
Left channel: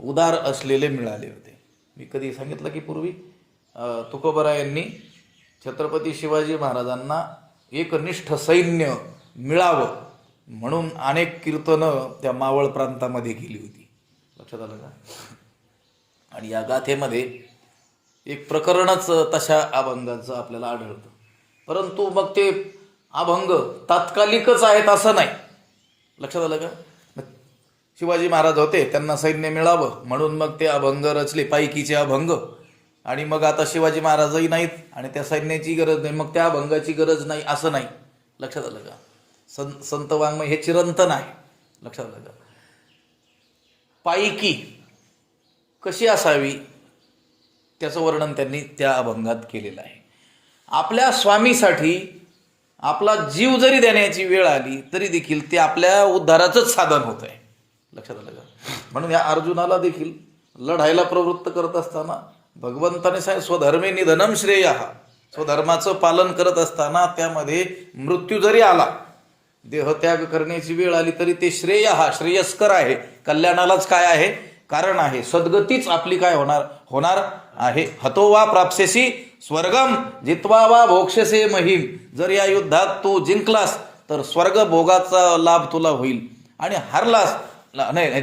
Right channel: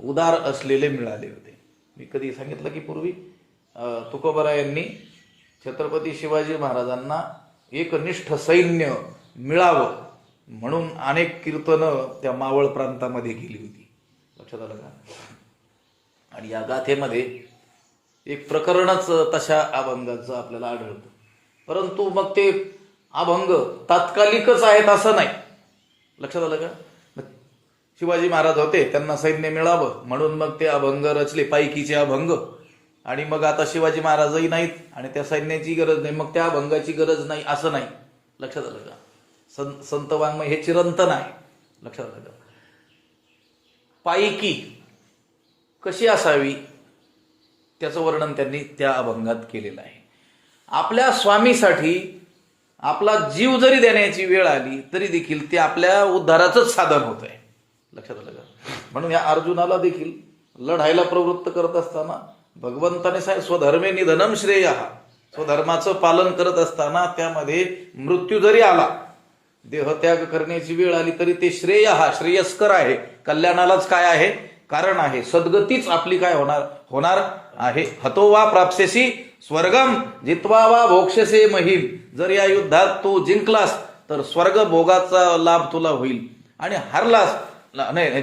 उदार असलेले मिळाले होते. मी कधी सांगितलं की पूर्वी तुकोबरायांनी छत्रपती शिवाजी महाराजांना एकनिष्ठ सैन्य मिळावं म्हणून अनेक कीर्तनं त्या मावळ प्रांतामध्ये केली होती. लक्षात आलं का? आणि या गाथेमध्ये एक प्रकरणच तशा अभंगाचं आपल्याला आढळतं. परंतु मग ते अभंग तात्कालिकच आहेत असं नाही. लक्षात आलं का? शिवाजी महाराज होते, त्यांना सैन्य मिळावं म्हणून मग ते अभंग रचले, पायकीचे अभंग. आणि मग आता शिवाजी महाराजही नाहीत आणि त्या सैन्याची गरज नाही, मग त्या अभंगाची गरज नाही असं नाही. लक्षात आलं का? संत वाङ्मय हे चिरंतन आहे. लक्षात आलं का? पायकी कशी असावी त्याचं वर्णन त्यांनी त्या अभंगात केलेलं आहे. आपल्या स्वामीसाठी आपला जीव जरी देण्याची वेळ आली तरी देखील ते आपल्या उद्धाराचंच साधन होत आहे. लक्षात आलं का? म्हणून या अर्जुनाला देखील लढायला प्रवृत्त करत असताना भगवंताने सांगितलं, स्वधर्मे निधनम श्रेय. स्वधर्माचं पालन करत असताना त्यामध्ये मृत्यू जरी आला, देहत्याग करण्याची वेळ आली तरी ते श्रेय श्रेयस्कर आहे, कल्याणालाच काय आहे, कारण आहे. सद्गतीच आपली काय होणार आहे. हतो वा प्राप्स्यसी स्वर्गम जित्वा वा भोक्षसे महिम. जर या युद्धात तू जिंकलास तर स्वर्ग भोगाचा लाभ तुला होईल, आणि हरलास नाही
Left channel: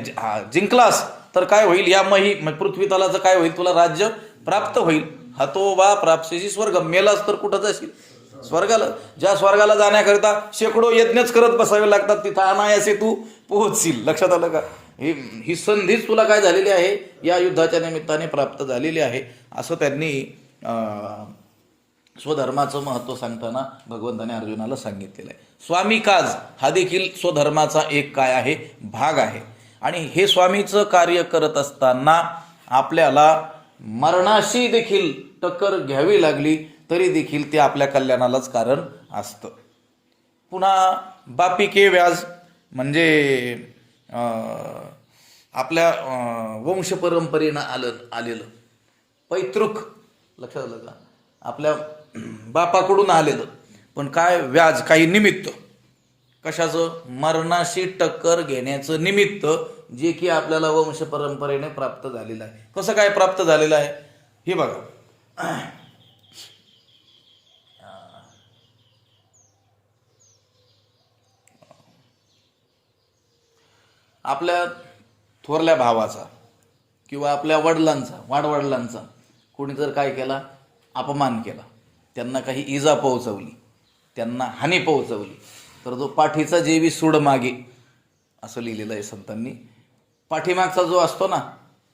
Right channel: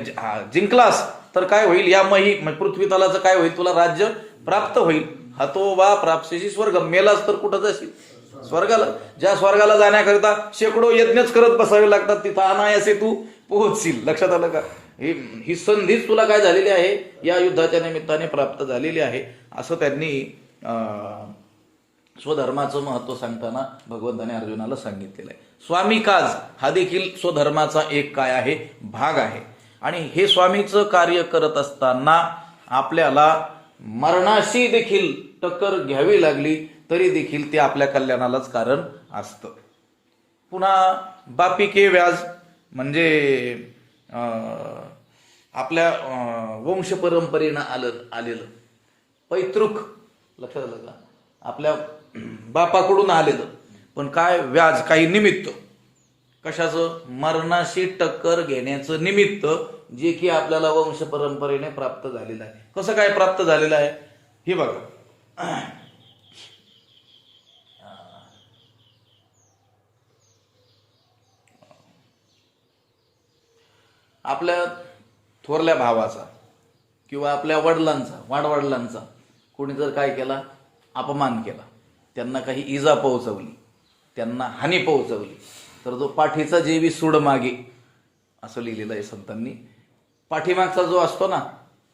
जिंकलास तर काय होईल, या पृथ्वी तलाचं काय होईल, तुला राज्य प्राप्त होईल. हतो वा प्राप्स्यसी स्वर्गम. मेलास तर कुठं जाशील, स्वर्गाला. ज्या स्वर्गाला जाण्याकरिता शेकडो यज्ञच करत बसावे लागतात, तिथं अनायासे तू पोहोचशील. लक्षात आलं का? ही संधीच तुला काय झालेली आहे, या युद्धाच्या निमित्ताने प्राप्त झालेली आहे. असं त्यांनी स्वधर्माचं महत्त्व सांगताना भगवंताने अर्जुनाला सांगितलेलं आहे. स्वामी काज हा देखील स्वधर्माचा एक काय आहे, भाग आहे. आणि हे स्वामीचं कार्य करत असताना आपल्याला मरणाशी देखील टक्कर घ्यावी लागली तरी देखील ते आपल्या कल्याणालाच कारण असतं. पुन्हा बापी के व्याज म्हणजे आपल्या वंश परंपरेनं आलेलं पैतृक. लक्षात आलं का? आपल्या बापाकडून आलेलं, पण काय व्याज, काही निमित्त. कशाचं? मरणाशी टक्कर घेण्याचं निमित्त, जे की आपल्याला वंश परंपरेने प्राप्त झालेलं आहे. कसं काय प्राप्त झालेलं आहे हे बघा. आपल्या थोरल्या भावाचा किंवा आपल्या वडिलांचा, वाडवडिलांचा कोणी जर काय केला, अपमान केला, त्यांना काही इजा पोहोचवली, त्यांना हानी पोहोचवली, तर जो पाठीचा जेवी सूड मागे असं लिहिलेलं आहे संतांनी. पाठीमागचा जो असतो ना,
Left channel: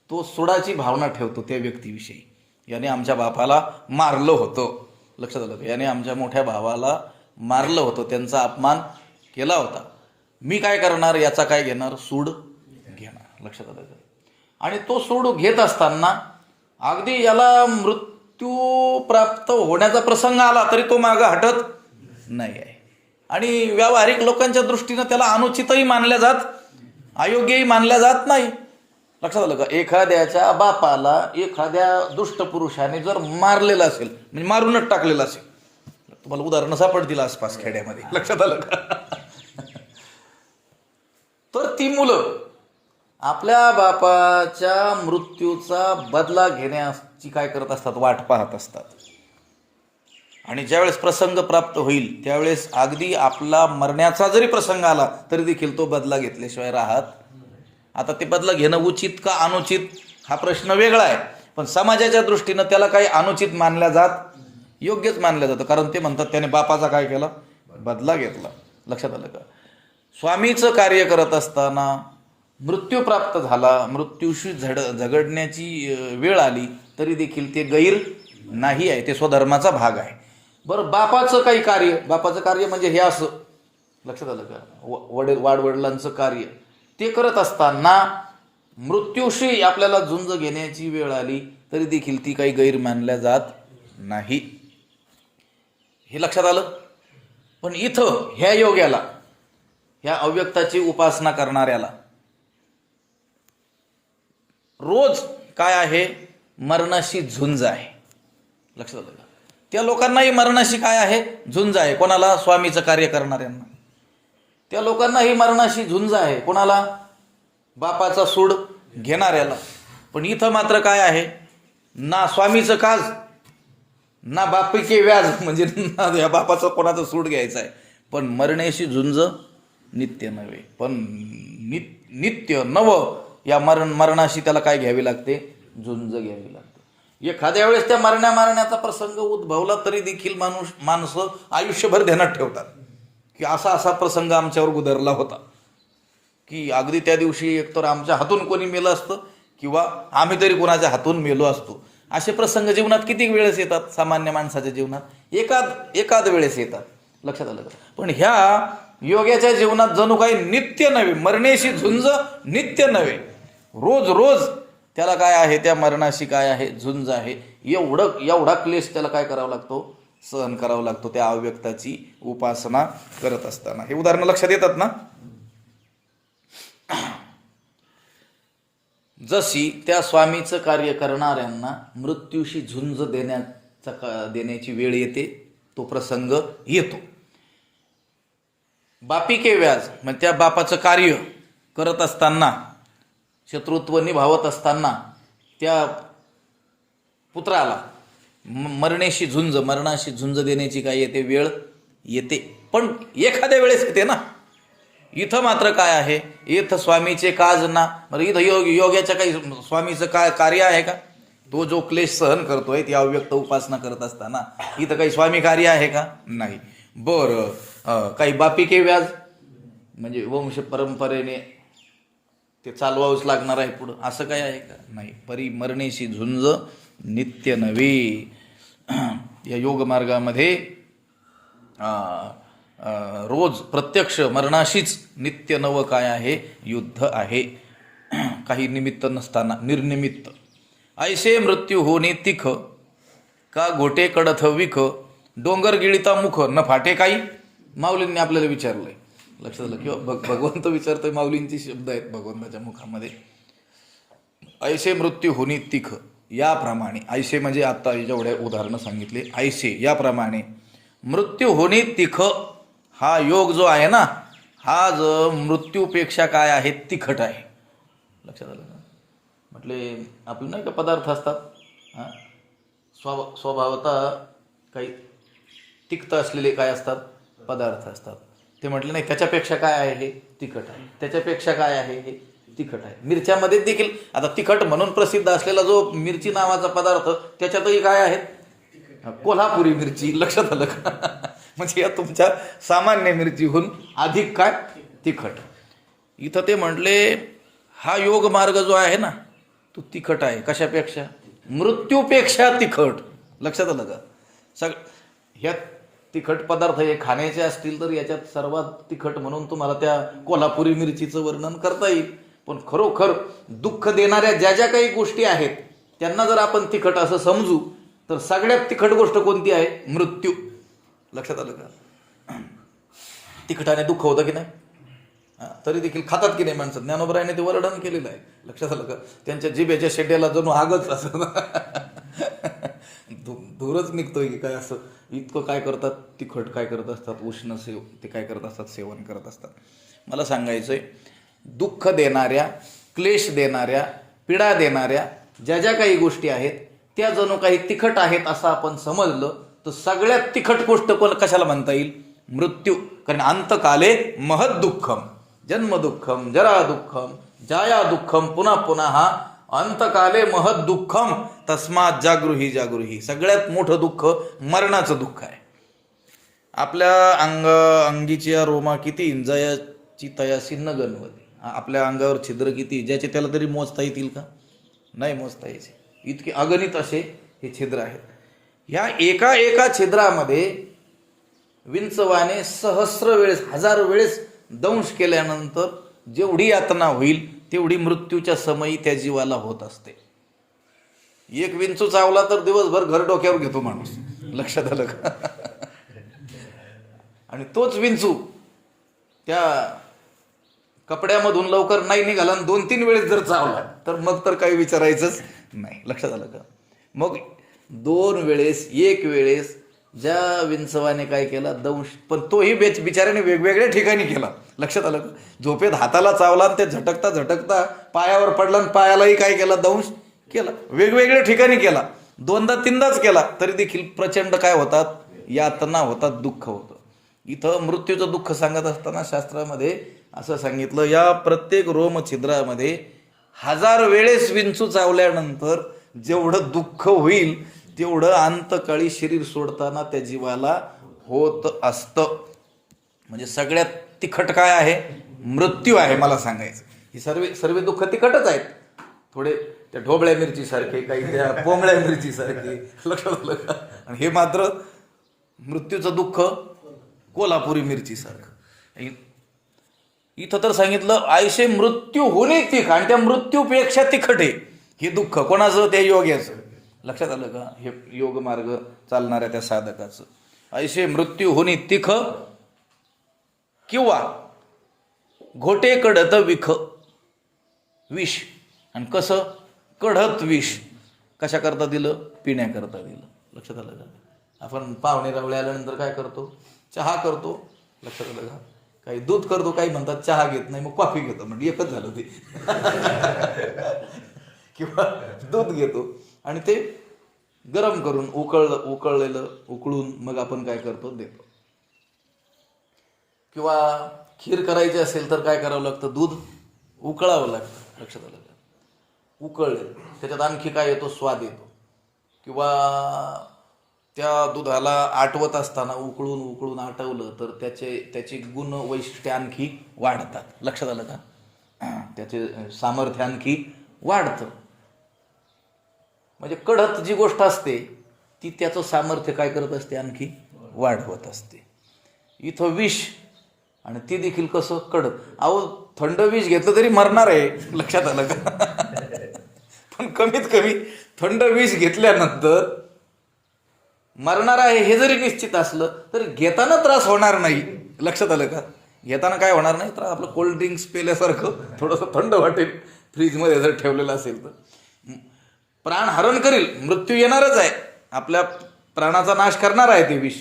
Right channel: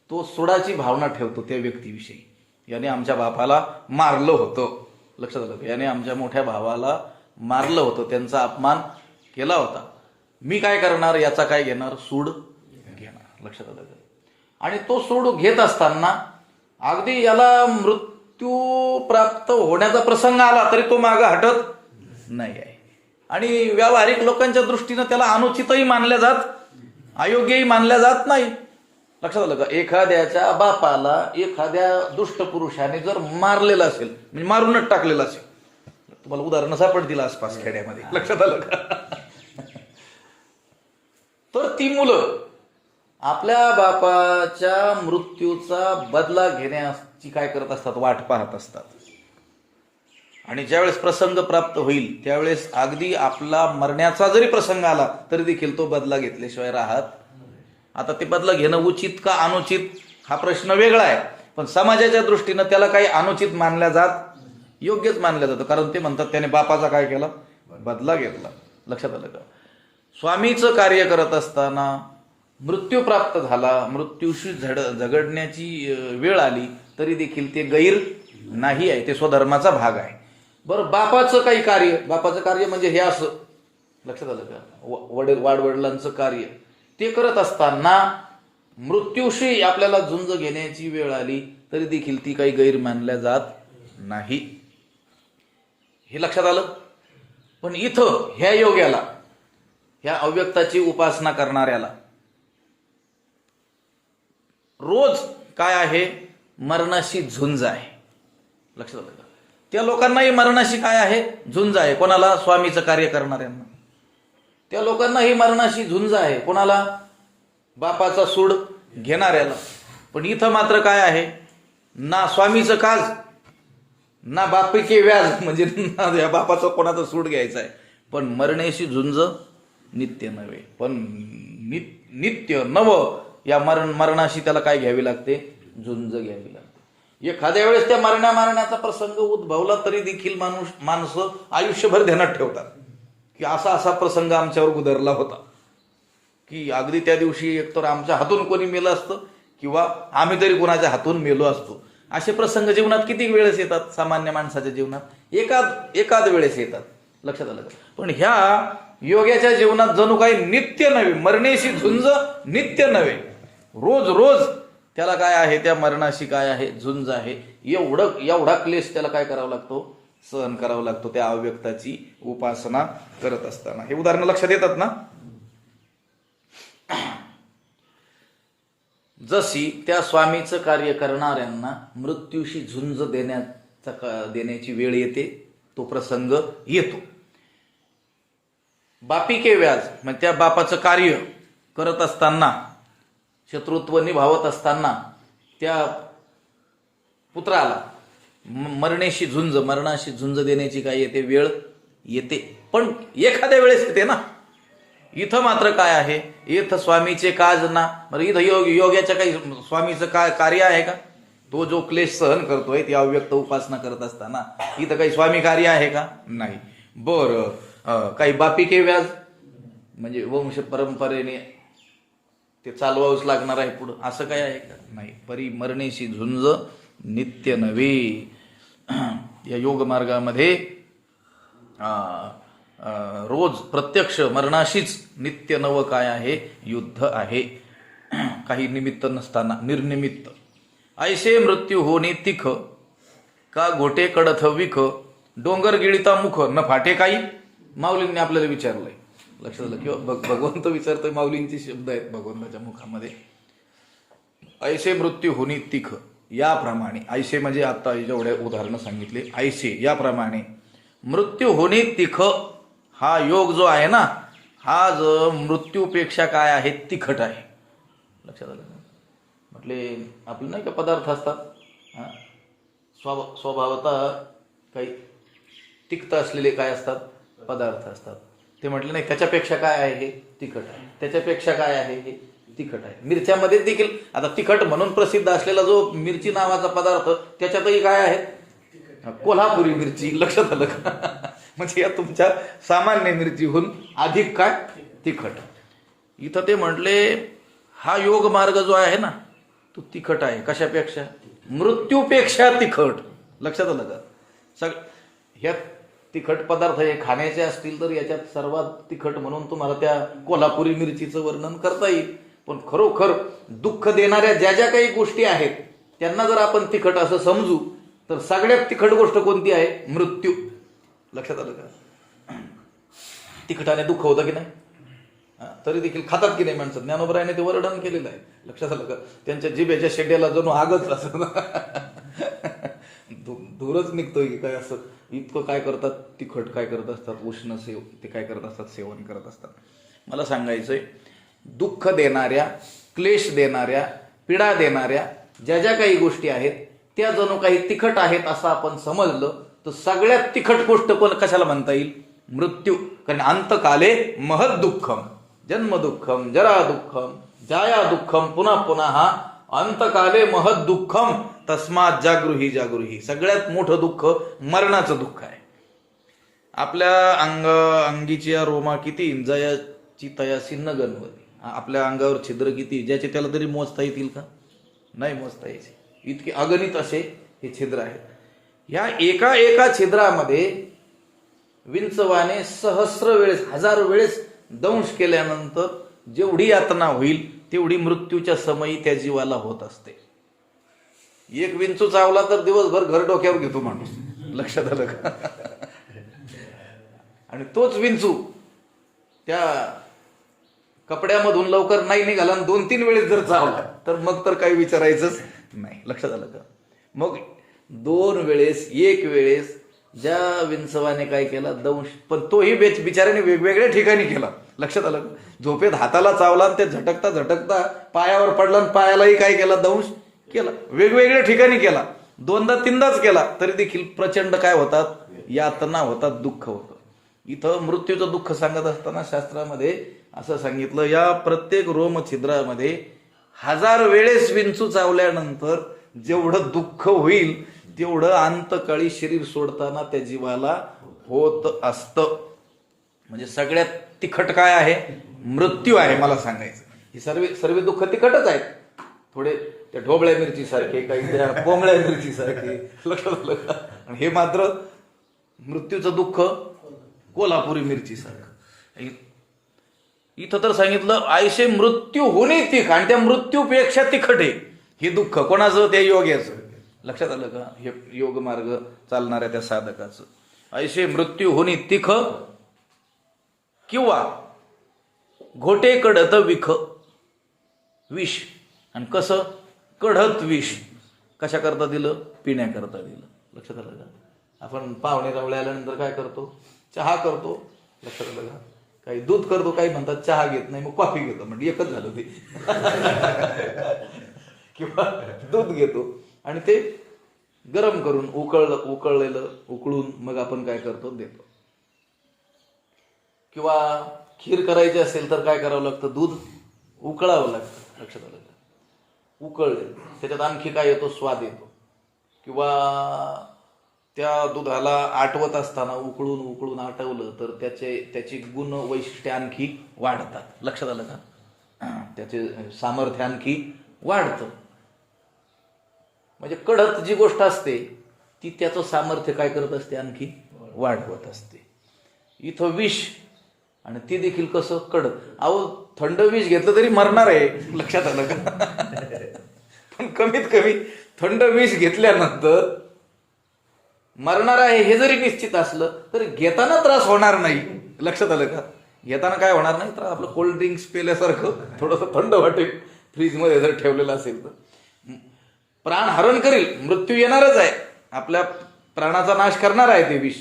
तो सुडाची भावना ठेवतो त्या व्यक्तीविषयी. याने आमच्या बापाला मारलं होतं. लक्षात आलं का? याने आमच्या मोठ्या भावाला मारलं होतं, त्यांचा अपमान केला होता. मी काय करणार, याचा काय घेणार, सूड घेणार. लक्षात आलं का? आणि तो सूड घेत असताना अगदी याला मृत्यू प्राप्त होण्याचा प्रसंग आला तरी तो मागं हटत नाही आहे. आणि व्यावहारिक लोकांच्या दृष्टीनं त्याला अनुचितही मानल्या जात, अयोग्यही मानल्या जात नाही. लक्षात आलं का? एखाद्याच्या बापाला एखाद्या दुष्ट पुरुषाने जर मारलेलं असेल, म्हणजे मारूनच टाकलेलं असेल, तुम्हाला उदाहरणं सापडतील आसपास खेड्यामध्ये. लक्षात आलं का? तर ती मुलं आपल्या बापाच्या मृत्यूचा बदला घेण्याची काय करत असतात, वाट पाहत असतात. आणि ज्यावेळेस प्रसंग प्राप्त होईल त्यावेळेस अगदी आपला मरण्याचा जरी प्रसंग आला तरी देखील तो बदला घेतल्याशिवाय राहत. आता ते बदला घेणं उचित का अनुचित हा प्रश्न वेगळा आहे, पण समाजाच्या दृष्टीनं त्याला काही अनुचित मानल्या जात, योग्यच मानलं जातं. कारण ते म्हणतात त्याने बापाचा काय केला, बदला घेतला. लक्षात आलं का? स्वामीचं कार्य करत असताना मृत्यू प्राप्त झाला, मृत्यूशी झगडण्याची वेळ आली तरी देखील ते गैर नाही आहे, ते स्वधर्माचा भाग आहे. बरं, बापाचं काही कार्य, बापाचं कार्य म्हणजे हे असं, लक्षात आलं का, वाडवडिलांचं कार्य ते करत असताना मृत्यूशी आपल्याला झुंज घेण्याची वेळ आली तरी देखील ती काही गैर मानल्या जात नाही. हे लक्षात आलं. पण इथं ह्या योग्याला, ह्या अव्यक्ताची उपासना करणाऱ्याला रोज काय आहे, मरणाशी झुंज आहे. लक्षात आलं का? त्या लोकांनाही मरणाशी काय आहे, झुंज आहे. कोणाला? स्वामीचं कार्य करणाऱ्यांना. त्या लोकांनाही मरणाशी झुंज आहे. कोणाला? बापाचा सूड घेणाऱ्याला. पण इथं मात्र काय आहे, ना स्वामीचं काज ना बापिके व्याज, म्हणजे ना या बापाचं कोणाचं सूड घ्यायचं आहे. पण मरण्याशी झुंज नित्य नव्हे, पण नित्य नव या मरणाशी त्याला काय घ्यावी लागते, झुंज घ्यावी लागते. एखाद्या वेळेस त्या मरण्याचा प्रसंग उद्भवला तरी देखील माणसं आयुष्यभर ध्यानात ठेवतात की असा असा प्रसंग आमच्यावर गुदरला होता, की अगदी त्या दिवशी एकतर आमच्या हातून कोणी मेलं असतं किंवा आम्ही तरी कोणाच्या हातून मेलो असतो. असे प्रसंग जीवनात किती वेळेस येतात, सामान्य माणसाच्या जीवनात एकाद वेळेस येतात. लक्षात आलं का? पण ह्या योग्याच्या जीवनात जणू काही नित्य नव्हे, मरण्याशी झुंज नित्य नव्हे, रोज रोज त्याला काय आहे, त्या मरणाशी काय आहे, झुंज आहे. एवढा क्लेश त्याला काय करावा लागतो, सहन करावा लागतो त्या अव्यक्ताची उपासना करत असताना. हे उदाहरण लक्षात येतात ना? जशी त्या स्वामीचं कार्य करणाऱ्यांना मृत्यूशी झुंज देण्याची वेळ येते, तो प्रसंग येतो. बापिके व्याज म्हणजे त्या बापाचं कार्य करत असताना, शत्रुत्व निभावत असताना त्या पुत्राला मरणाशी झुंज देण्याची काय येते, वेळ येते. पण एखाद्या वेळेस येते ना. इथं मात्र काय आहे, इथं स्वामीचे काज ना. बरं, इथं योग्याच्या काही स्वामीचं कार्य आहे का? तो जो क्लेश सहन करतोय ती अव्यक्त उपासना करत असताना इथं काही स्वामी कार्य आहे का? नाही. बरं, काही बापिके व्याज म्हणजे वंश परंपरेने ते चालवावंच लागणार आहे पुढं, असं काय आहे का? नाही. परी मरणेशी झुंज नित्य नव्हे. या योग मार्गामध्ये रोज प्रत्यक्ष मरणाशीच नित्य नव काय आहे, युद्ध आहे. काही निमित्त नसताना निर्निमित्त. ऐसे मृत्यू होणे तिख का घोटे कडथ विख डोंगर गिळिता मुख न फाटे काही. माऊलींनी आपल्याला विचारलंय. लक्षात आलं किंवा भगवंत विचारतोय, माऊलींचे शब्द आहेत भगवंताच्या मुखामध्ये. ऐसे मृत्यू होणे तिख, याप्रमाणे. ऐसे म्हणजे आता जेवढे उदाहरणं सांगितले, ऐसे याप्रमाणे मृत्यू होणे तिख. हा योग जो आहे ना, हा जो मृत्यूपेक्षा काय आहे, तिखट आहे. लक्षात आलं ना? म्हटले आपले नाही का पदार्थ असतात, स्वभावतः काही तिक्त असलेले काय असतात, पदार्थ असतात. ते म्हटले नाही, त्याच्यापेक्षा काय आहे, हे तिखट आहे. त्याच्यापेक्षा काय आहे, हे तिखट आहे. मिरच्यामध्ये देखील आता तिखट म्हणून प्रसिद्ध असलेला जो मिरची नावाचा पदार्थ, त्याच्यातही काय आहे, कोल्हापुरी मिरची. लक्षात आलं का? म्हणजे या तुमच्या सामान्य मिरचीहून अधिक काय, तिखट. इथं ते म्हटले हा योग मार्ग जो आहे ना, तो तिखट आहे. कशापेक्षा? मृत्यूपेक्षा तिखट. लक्षात आलं का? ह्या तिखट पदार्थ हे खाण्याचे असतील तर याच्यात सर्वात तिखट म्हणून तुम्हाला त्या कोल्हापुरी मिरचीचं वर्णन करता येईल. पण खरोखर दुःख देणाऱ्या ज्या ज्या काही गोष्टी आहेत त्यांना जर आपण तिखट असं समजू तर सगळ्यात तिखट गोष्ट कोणती आहे, मृत्यू. लक्षात आलं का? तिखटाने दुःख होतं की नाही, तरी देखील खातात की नाही माणसं. ज्ञानोबरायाने ते वर्णन केलेलं आहे. लक्षात आलं का? त्यांच्या जिभेच्या शेड्याला जणू आगच असं धूरच निघतोय की काय, असं इतकं काय करतात, तिखट काय करत असतात, उष्ण ते काय करत असतात, सेवन करत असतात. मला सांगायचंय, दुःख देणाऱ्या, क्लेश देणाऱ्या, पीडा देणाऱ्या ज्या ज्या काही गोष्टी आहेत त्या जणू काही तिखट आहेत असं आपण समजलं तर सगळ्यात तिखट गोष्ट पण कशाला म्हणता येईल? मृत्यू. कारण अंतकाले महद दुःखम, जन्म दुःखम, जरा दुःखम, जाया दुःखम, पुन्हा पुन्हा अंतकाले महद दुःखम तस्मात जागृही जागृही. सगळ्यात मोठं दुःख मरणाचं दुःख आहे. आपल्या अंगीची रोमा किती इंजायाची तयासी न गणवती. आपल्या अंगावर छिद्र किती, ज्याचे त्याला तरी मोजता येतील का? नाही मोजता यायचे. इतके अगणित असे हे छिद्र आहेत. या एका एका छिद्रामध्ये विंचवाने सहस्र वेळेस, हजार वेळेस दंश केल्यानंतर जेवढी यातना होईल तेवढी मृत्यूच्या समयी त्या जीवाला होत असते. एक विंचू चावला तर दिवसभर घर डोक्यावर घेतो माणूस. लक्षात आलं का? आणि तोच विंचू त्या कपड्यामधून लवकर नाही निघाला आणि 2-3 वेळेस जर चावला तर मग तर काही विचारायचंच नाही. लक्षात आलं का? मग 2 वेळेस, 1 वेळेस ज्या विंचवाने काय केला दंश, पण तोही बिचाऱ्याने वेगवेगळ्या ठिकाणी केला. लक्षात आलं का? झोपेत हाताला चावला आणि ते झटकता झटकता पायावर पडला आणि पायालाही काय केला? दंश केला. वेगवेगळ्या ठिकाणी केला. 2दा-3दाच केला तरी देखील प्रचंड काय होतात? यातना होतात, दुःख होतं. इथं मृत्यूचं दुःख सांगत असताना शास्त्रामध्ये असं सांगितलं, या प्रत्येक रोम छिद्रामध्ये 1000 वेळेस विंचू चावल्यानंतर जेवढं दुःख होईल तेवढं अंतकाळी शरीर सोडताना त्या जीवाला होत असतं. म्हणजे सगळ्यात तिखट काय आहे? मृत्यू आहे. मला सांगायचं ही सर्व दुःख तिखटच आहेत. थोडे त्या ढोबळ्या मिरची सारखे, काही त्या पोंगळ्या मिरची सारखे. लक्षात आलं का? आणि हे मात्र मृत्यूचं दुःख कोल्हापुरी मिरची सारखं. इथं तर सांगितलं आयशे मृत्यू होणे तिख, आणि त्या मृत्यूपेक्षा तिखट आहे हे दुःख. कोणाचं? त्या योग्याचं. लक्षात आलं का? हे योग मार्ग चालणाऱ्या त्या साधकाचं. ऐसे मृत्यू होणे तिख किंवा घोटे कडत विख, विष. आणि कसं? कढत विष. कशा करता दिलं? पिण्याकरता दिलं. लक्षात आलं का? आपण पाहुणे रावळे आल्यानंतर काय करतो? चहा करतो. लक्षात आलं का? काही दूध करतो, काही म्हणतात चहा घेत नाही, मग कॉफी घेतो. म्हणजे एकच झालं ते. किंवा दूध घेतो आणि ते गरम करून उकळलेलं उकळून मग आपण काय करतो? देतो. किंवा खीर करायची असेल तर काय करावं लागतं? दूध उकळावं लागतं. लक्षात आलं का? उकळले त्याच्यात आणखी काय येतो? स्वाद येतो. किंवा त्या दुधाला आटवत असताना उकळून आटवलं तर त्याची गुण वैशिष्ट्ये आणखी वाढतात. लक्षात आलं का? त्याचे सामर्थ्य आणखी वाढतं. म्हणजे कडत जी गोष्ट असते ती त्याचं सामर्थ्य काय करत असते? आणखी वाढवत असते. इथं विष, आणि ते देखील कसं? कडत. अहो थंड विष घेतलं तरी मरणार आहे. लक्षात आलं का? पण कमीत कमी थंड विष घेतल्यानंतर मरणार आहे हे जरी निश्चित असलं तरी घेताना त्रास होणार नाही. लक्षात आलं का? घेताना काय होणार नाही? तर आपलं कोल्ड ड्रिंक्स पेल्यासारखं थोडंसं थंड वाटेल फ्रीजमध्ये जर ठेवलेलं असेल तर. प्राण हरण करील, मृत्यू येणारच आहे, आपल्या प्राणाचा नाश करणार आहे ते विष.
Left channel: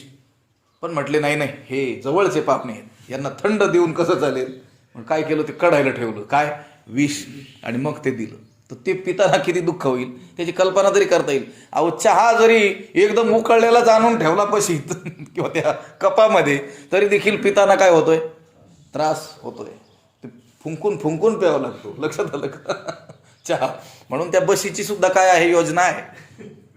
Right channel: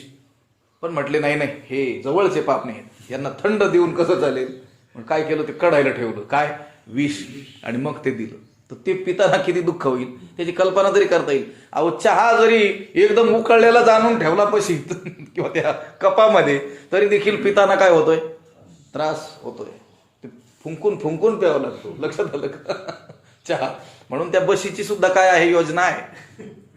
पण म्हटले नाही नाही, हे जवळचे पाप नाही, यांना थंड देऊन कसं चालेल? मग काय केलं? ते कढायला ठेवलं. काय? विष. आणि मग ते दिलं. तर ते पिताना किती दुःख होईल त्याची कल्पना तरी करता येईल. अहो चहा जरी एकदम उकळलेला जाणून ठेवला पशीत किंवा त्या कपामध्ये तरी देखील पिताना काय होतोय? त्रास होतोय. ते फुंकून प्यावं लागतो. लक्षात आलं का? चहा. म्हणून त्या बशीची सुद्धा काय आहे? योजना आहे.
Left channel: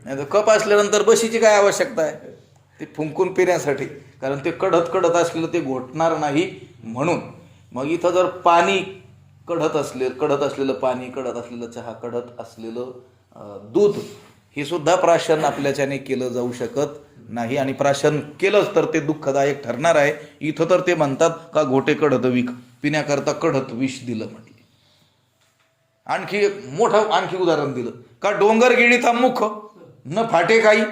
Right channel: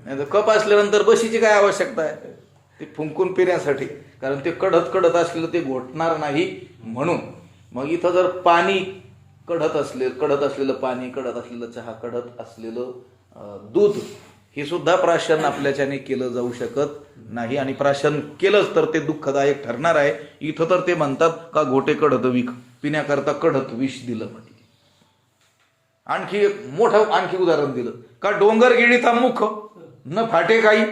नाही तर कप असल्यानंतर बशीची काय आवश्यकता आहे? ते फुंकून पिण्यासाठी. कारण ते कडत असलेलं ते घोटणार नाही म्हणून. मग इथं जर पाणी कढत असलेलं पाणी, कढत असलेलं चहा, कढत असलेलं दूध, हे सुद्धा प्राशन आपल्याच्याने केलं जाऊ शकत नाही. आणि प्राशन केलंच तर ते दुःखदायक ठरणार आहे. इथं तर ते म्हणतात का घोटे कडत विख, पिण्याकरता कडत विष दिलं म्हटलं. आणखी आणखी उदाहरण दिलं का डोंगर गिळीता मुख न फाटे काही,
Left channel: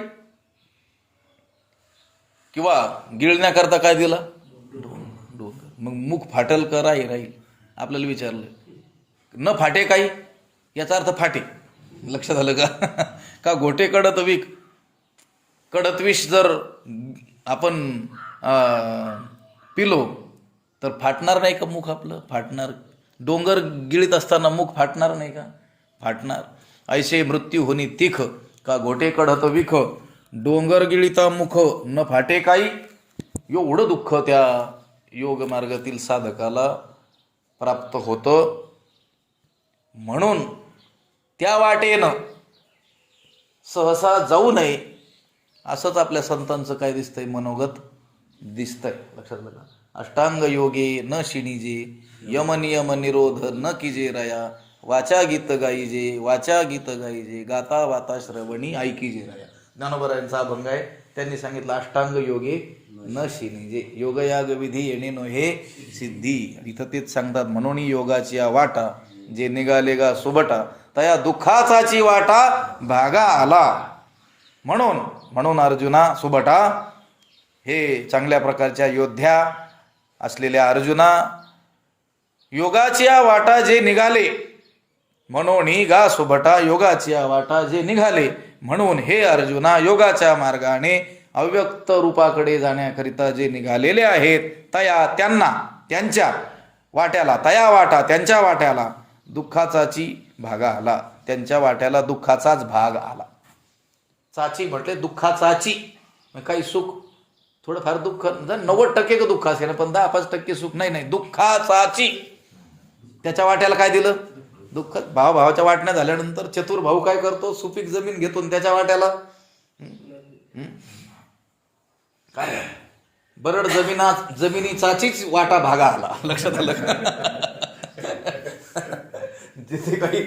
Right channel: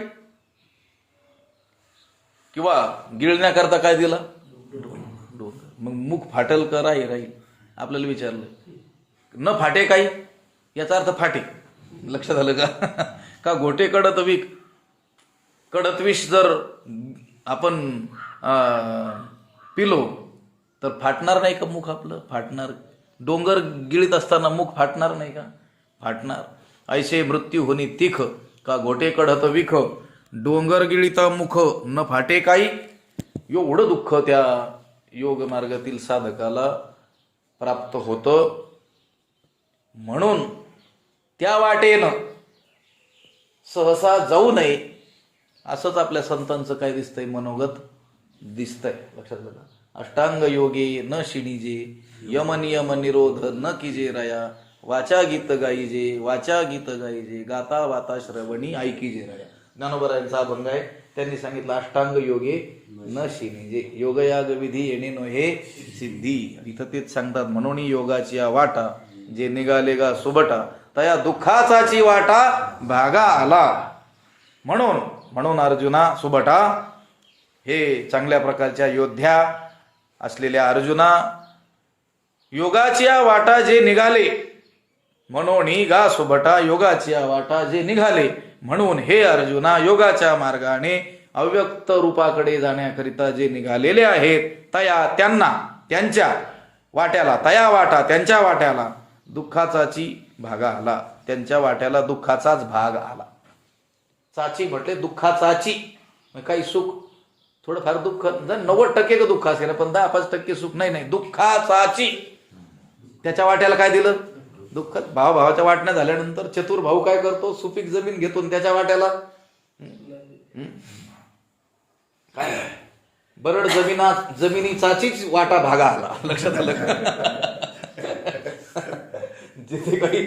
किंवा गिळण्याकरता काय दिला? डोंगर. मग मुख फाटेल का राहील? आपल्याला विचारलं न फाटे काही, याचा अर्थ फाटे. लक्षात आलं का? का घोटे कडत विख, कडत विष जर आपण पिलो तर फाटणार नाही का मुख आपलं? फाटणार. डोंगर गिळीत असताना मुख फाटणार नाही का? फाटणार. ऐसे मृत्यू होनी तिख का घोटे कडत विख डोंगर गिळिता मुख न फाटे काही, एवढं दुःख त्या योग मार्गातील साधकाला प्राप्त होतं. म्हणून त्या वाटेनं सहसा जाऊ नये, असंच आपल्या संतांचं काय दिसतंय, मनोगत दिसतंय. लक्षात घ्या. अष्टांग योगे न शिणीजे, यम नियम निरोध न कीजे रया, वाचा गीत गाईजे, वाचा गीत गाईजे, गाता वाता श्रवणी ऐकीजे रया. ज्ञानोबरायांचा अभंग आहे. त्यांनी सांगितलं अष्टांग योगे न शिणीजे, योगयाग विधी येणे नोहे सिद्धी. इथं तेच सांगतात, म्हणून योगाची वाटा जे निघाले गा सुबटा, तया दुःखाचाची वाटा भागा आला. म्हणून अर्जुना सुबटा, हे चांगल्या प्रकारच्या योद्ध्या असलेल्या अर्जुना, योगाची वाटा जे निघाले, म्हणून गा सुबटा, योगाची वाटा जे निघाले, म्हणून हे अर्जुना योगाच्या मार्गाने अव्यक्त रूपाकडे जाण्याकरिता जे निघालेले आहेत, त्यांच्या वाट्याला दुःखाचाची भागा आला. त्यांच्या वाट्याला दुःखाचाच भाग आला. चाची म्हटले दुःखाचाची, काही सुख थोडंफार दुःख 90% दुःख असेल, पण 10-5% सुख नाही. दुःखाचाची त्याच्या वाट्याला काय दिलं? दुःख. भावाच्या वाटण्या झाल्यानंतर चतुर भाऊ काय करतो? सुपीक जमीन घेतो आणि त्याच्या वाट्याला काय बरड जमिनीचाचीच वाटा भागा आला. लक्षात आलं? जिथे काही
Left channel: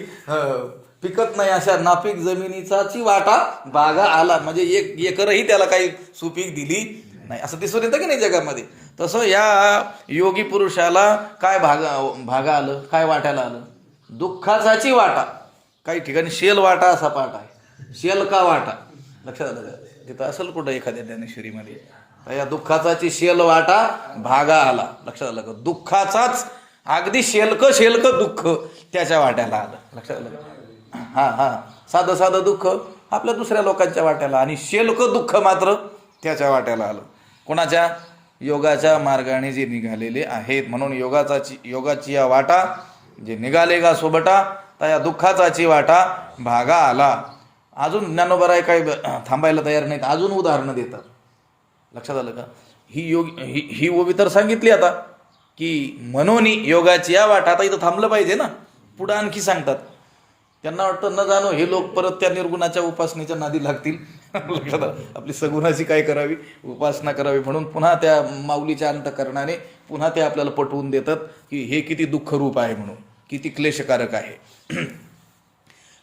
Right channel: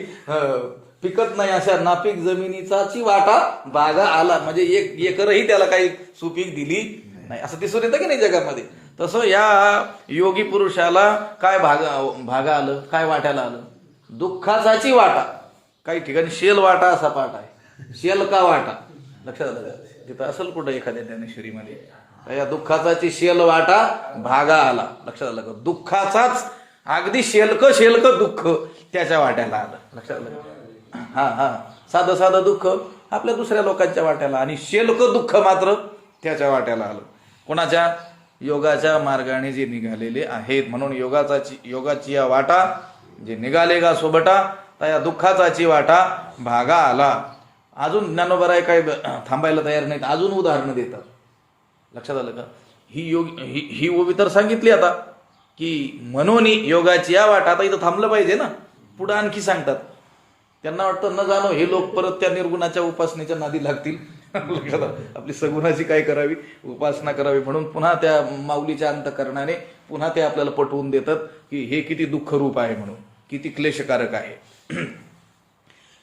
पिकत नाही अशा नापीक जमिनीचाची वाटा भागा आला. म्हणजे एक एकरही त्याला काही सुपीक दिली नाही, असं दिसून येतं की नाही जगामध्ये. तसं या योगी पुरुषाला काय भागा आलं, काय वाट्याला आलं? दुःखाचाची वाटा. काही ठिकाणी शेल वाटा असा पाठ आहे, शेल का वाटा. लक्षात आलं? तिथं असेल कुठं एखाद्या ज्ञानेश्वरीमध्ये, या दुःखाचाची शेल वाटा भागा आला. लक्षात आलं का? दुःखाचाच अगदी शेलक दुःख त्याच्या वाट्याला आलं. लक्षात आलं? हा साधं दुःख आपल्या दुसऱ्या लोकांच्या वाट्याला, आणि शेलक दुःख मात्र त्याच्या वाट्याला आलं. कोणाच्या? योगाच्या मार्गाने जे निघालेले आहेत. म्हणून योगाची या वाटा जे निघाले गा सोबटा, त्या दुःखाचाची वाटा भागा आला. अजून ज्ञानोबराय काय थांबायला तयार नाहीत, अजून उदाहरणं देतात. लक्षात आलं का? ही ओवी तर सांगितली आता, की म्हणून योगाची या वाटा. आता इथं थांबलं पाहिजे ना, पुढे आणखी सांगतात. त्यांना वाटतं न जाणं हे लोक परत त्या निर्गुणाच्या उपासनेच्या नादी लागतील. लक्षात आलं? आपली सगुणाची काय करावी, उपासना करावी. म्हणून पुन्हा त्या माऊलीच्या अंतकरणाने पुन्हा ते आपल्याला पटवून देतात की हे किती दुःख रूप आहे, म्हणून किती क्लेशकारक आहे.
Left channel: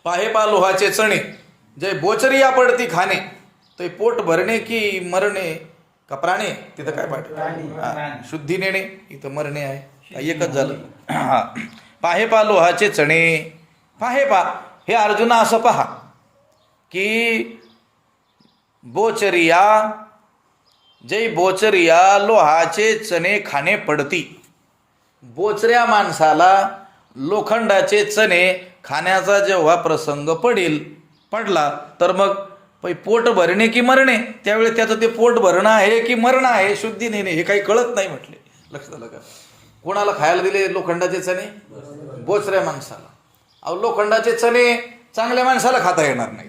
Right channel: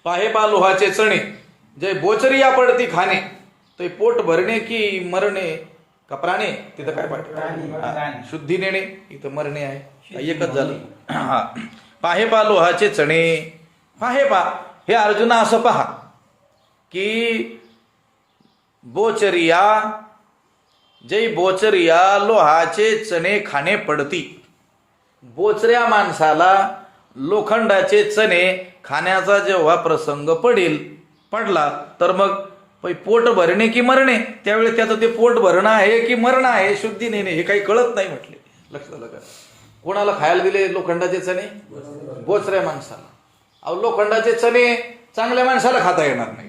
पाहे पा लोहाचे चणे, जय बोचरिया पडती खाणे, ते पोट भरणे की मरणे कपराणे. तिथं काय पाठ? शुद्धी नेणे, इथं मरणे आहे. एकच झालं. हा, पाहे पा लोहाचे चणे. पाहे पा, हे अर्जुना असं पहा की बोचरिया, जय बोचरिया लोहाचे चणे खाणे पडती. बोचऱ्या माणसाला लोखंडाचे चणे खाण्याचा जेव्हा प्रसंग पडला तर मग पोट भरणे की मरणे, त्यावेळी त्याचं ते पोट भरणं आहे की मरणं आहे, शुद्धी नेणे, हे काही कळत नाही म्हटले. लक्षात आलं का? कोणाला खायला दिले लोखंडाचे चणे? बोचऱ्या माणसाला. अहो, लोखंडाचे चणे चांगल्या माणसाला खाता येणार नाही,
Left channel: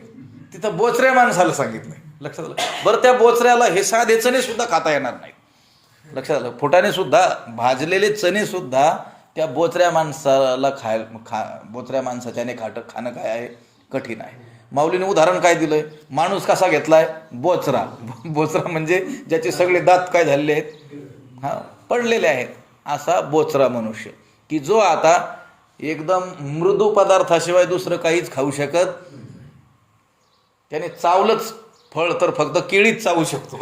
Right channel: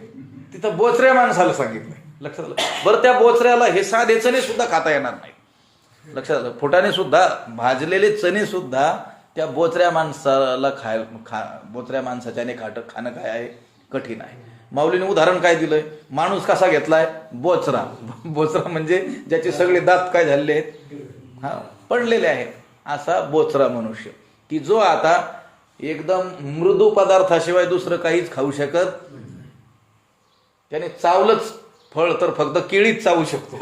तिथं बोचऱ्या माणसाला सांगितलं. लक्षात आलं? बरं, त्या बोचऱ्याला हे साधे चणे सुद्धा खाता येणार नाही. लक्षात आलं? फुटाने सुद्धा भाजलेले चणे सुद्धा त्या बोचऱ्या माणसाला बोचऱ्या माणसाच्याने खाणं काय आहे? कठीण आहे. माऊलीने उदाहरण काय दिलंय? माणूस कसा घेतलाय? बोचरा. बोचरा म्हणजे ज्याचे सगळे दात काय झालेले आहेत, पडलेले आहेत, असा बोचरा मनुष्य, की जो आता एकदम मृदू पदार्थाशिवाय दुसरं काहीच खाऊ शकत. त्याने चावलंच फळ तर फक्त केळीच चावू शकतो.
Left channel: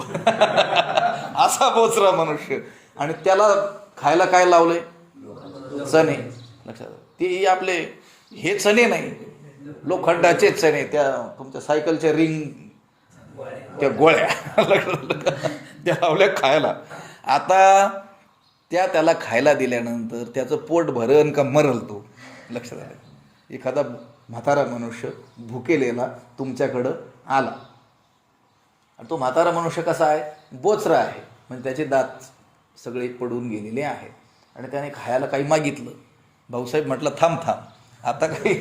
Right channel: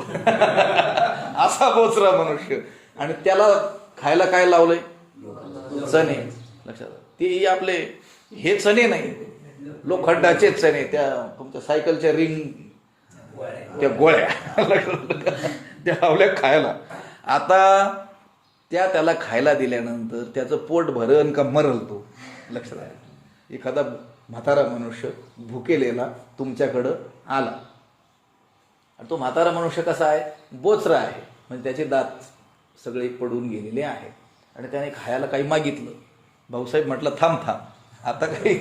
असा बोचरा मनुष्य. आणि त्याला खायला काय लावलंय? चणे. लक्षात? ते आपले हे चणे नाही, लोखंडाचे चणे, त्या तुमच्या सायकलच्या रिंग, त्या गोळ्या त्या लावल्या खायला. आता त्याला खायला दिल्यानंतर त्याचं पोट भरण का मरल तो? लक्षात आलं? एखादा म्हातारा मनुष्य भुकेलेला तुमच्याकडं आला, आणि तो म्हातारा मनुष्य कसा आहे? बोचरा आहे, म्हणजे त्याचे दात सगळे पडून गेलेले आहेत, आणि त्याने खायला काही मागितलं. भाऊसाहेब म्हटलं थांब, आता काही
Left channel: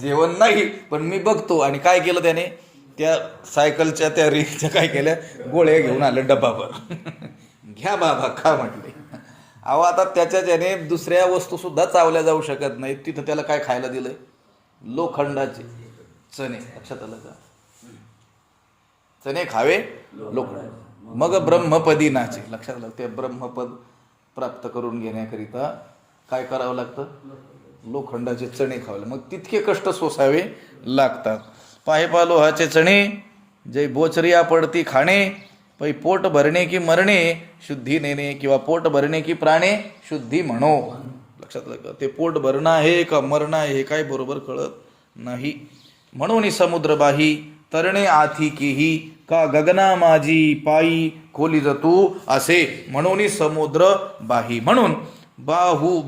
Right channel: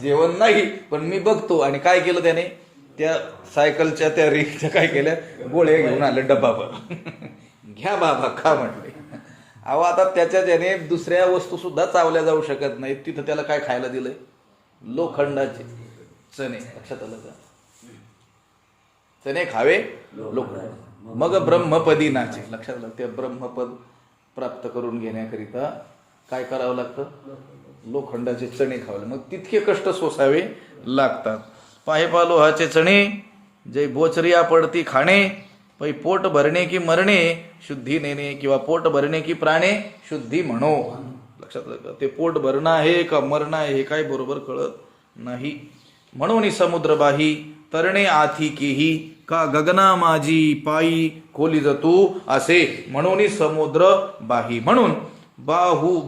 जेवण नाही, पण मी बघतो. आणि काय केलं त्याने? त्या सायकलच्या त्या रिंगच्या काय केल्या, गोळ्या घेऊन आले डब्बाभर. घ्या बाबा खा म्हटले. अहो आता त्याने दुसऱ्या वस्तू सुद्धा चावल्या जाऊ शकत नाहीत. तिथं त्याला काय खायला दिलंय? लोखंडाचे चणे. लक्षात आलं का? चणे खावे लोखंड, मग ब्रह्मपदी नाचे. लक्षात आलं? ते ब्रह्मपद प्राप्त करून घेण्याकरिता काय करावं लागतं? लोखंडाचे चणे खावे, मग तितके कष्ट सोसावे लागतात. पाहे पालोहाचे चणे जय बोचरिया पडती खाणे, पै पोट भरणे की मरणे शुद्धी नेणे, किंवा पोट भरणे की प्राणे शुद्धी म्हणो. लक्षात आलं? ते पोट भरणं आहे का मरणं आहे हे काय बरोबर कळत नाही. म्हणून समुद्र बाही तरणे आथी केही, का गगना माझी पायी खोली जतू असे. म्हणून समुद्र बाही, म्हणून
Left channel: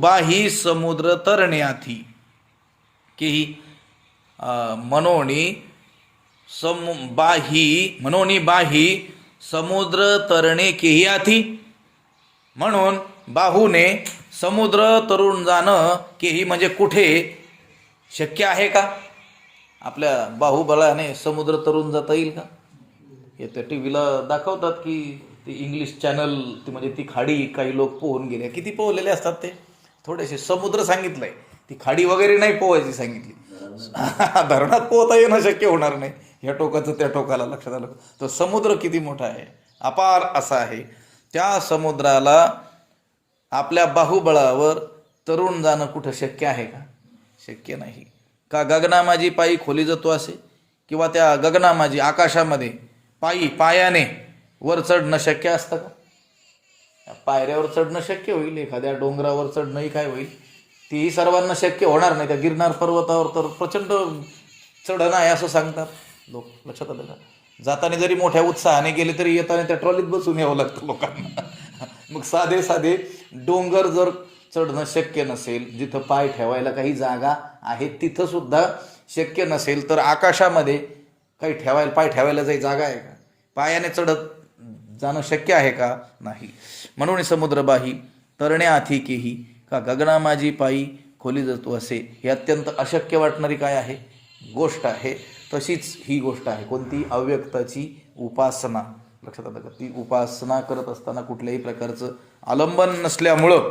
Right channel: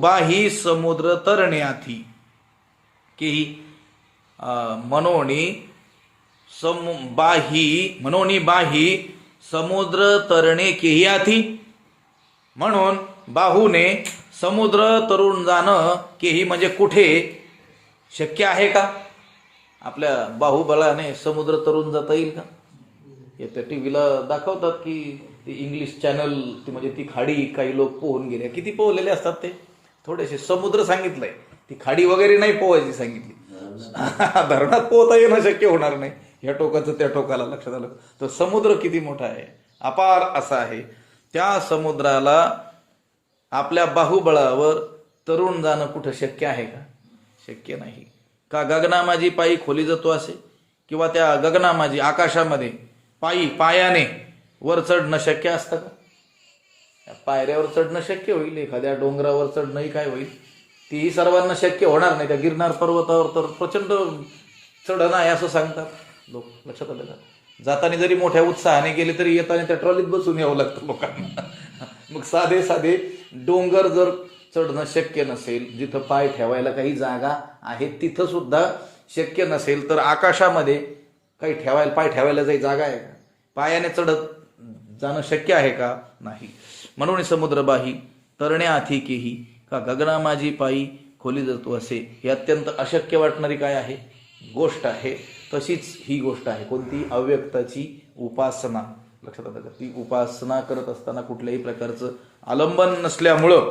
बाही समुद्र तरणे आथी केही, म्हणोनी बाही समुद्र तरणे केही आथी. म्हणून बाहूने समुद्र तरुण जाणं केही म्हणजे कुठे शक्य आहे का? आपल्या बाहुबलाने समुद्र तरुण जाता येईल का? हे त्या टीव्हीला दाखवतात की ते इंग्लिश चॅनल, ती म्हणजे ती खाडी काही लोक पोहून गेले. किती पोहलेले असतात ते? थोडेसे. समुद्र सांगितलंय, ती खाडी वगैरे नाही पोहायची सांगितली. धरणात पोहता येणं शक्य होणार नाही, ह्या टोकाचं त्या टोकाला. लक्षात आलं? तो समुद्र किती मोठा आहे, अपार असा आहे. त्या समुद्राला आपल्या बाहुबळावर तरुण जाणं कुठं शक्य आहे का? शक्य नाही. का गगनामाजी पायी खोली जातो असे, किंवा त्या गगनामाजी आकाशामध्ये पायाने वर चढणं शक्य असतं का? पायऱ्यावर चढणं शक्य होईल, एखाद्या डोंगरावर चढणंही काय होईल, तीही सर्वांना शक्य होणार नाही. त्या गिरनार पर्वतावर तर प्रचंड चढण आहे असं सांगतात लोक. लक्षात आलं का? जाताना जरी मोठ्या उत्साहाने गेले तरी येताना त्या ट्रॉलीत बसून यावं लागतं लोकांना. मग साधे साधे डोंगर जर चढणं शक्य नसेल, जिथं पाय ठेवायला काही जागा आहे तिथं सुद्धा शक्य नसेल, तर आकाशामध्ये काही पाय ठेवायला काही जागा आहे का? पायाने चढत जाणं शक्य आहे का? नाही. म्हणून समुद्रबाही तरणे आथी केही, का गगनामाजी पायी खोली जातो असे. हे अत्यंत अशक्य वाटणारी काय आहे गोष्ट आहे. तशीच ही गोष्ट आहे कोणती? अव्यक्ताची उपासना. लक्षात आलं का? ती उपासना करत असताना कुठल्याही प्रकारचं आलंबन नसल्यामुळं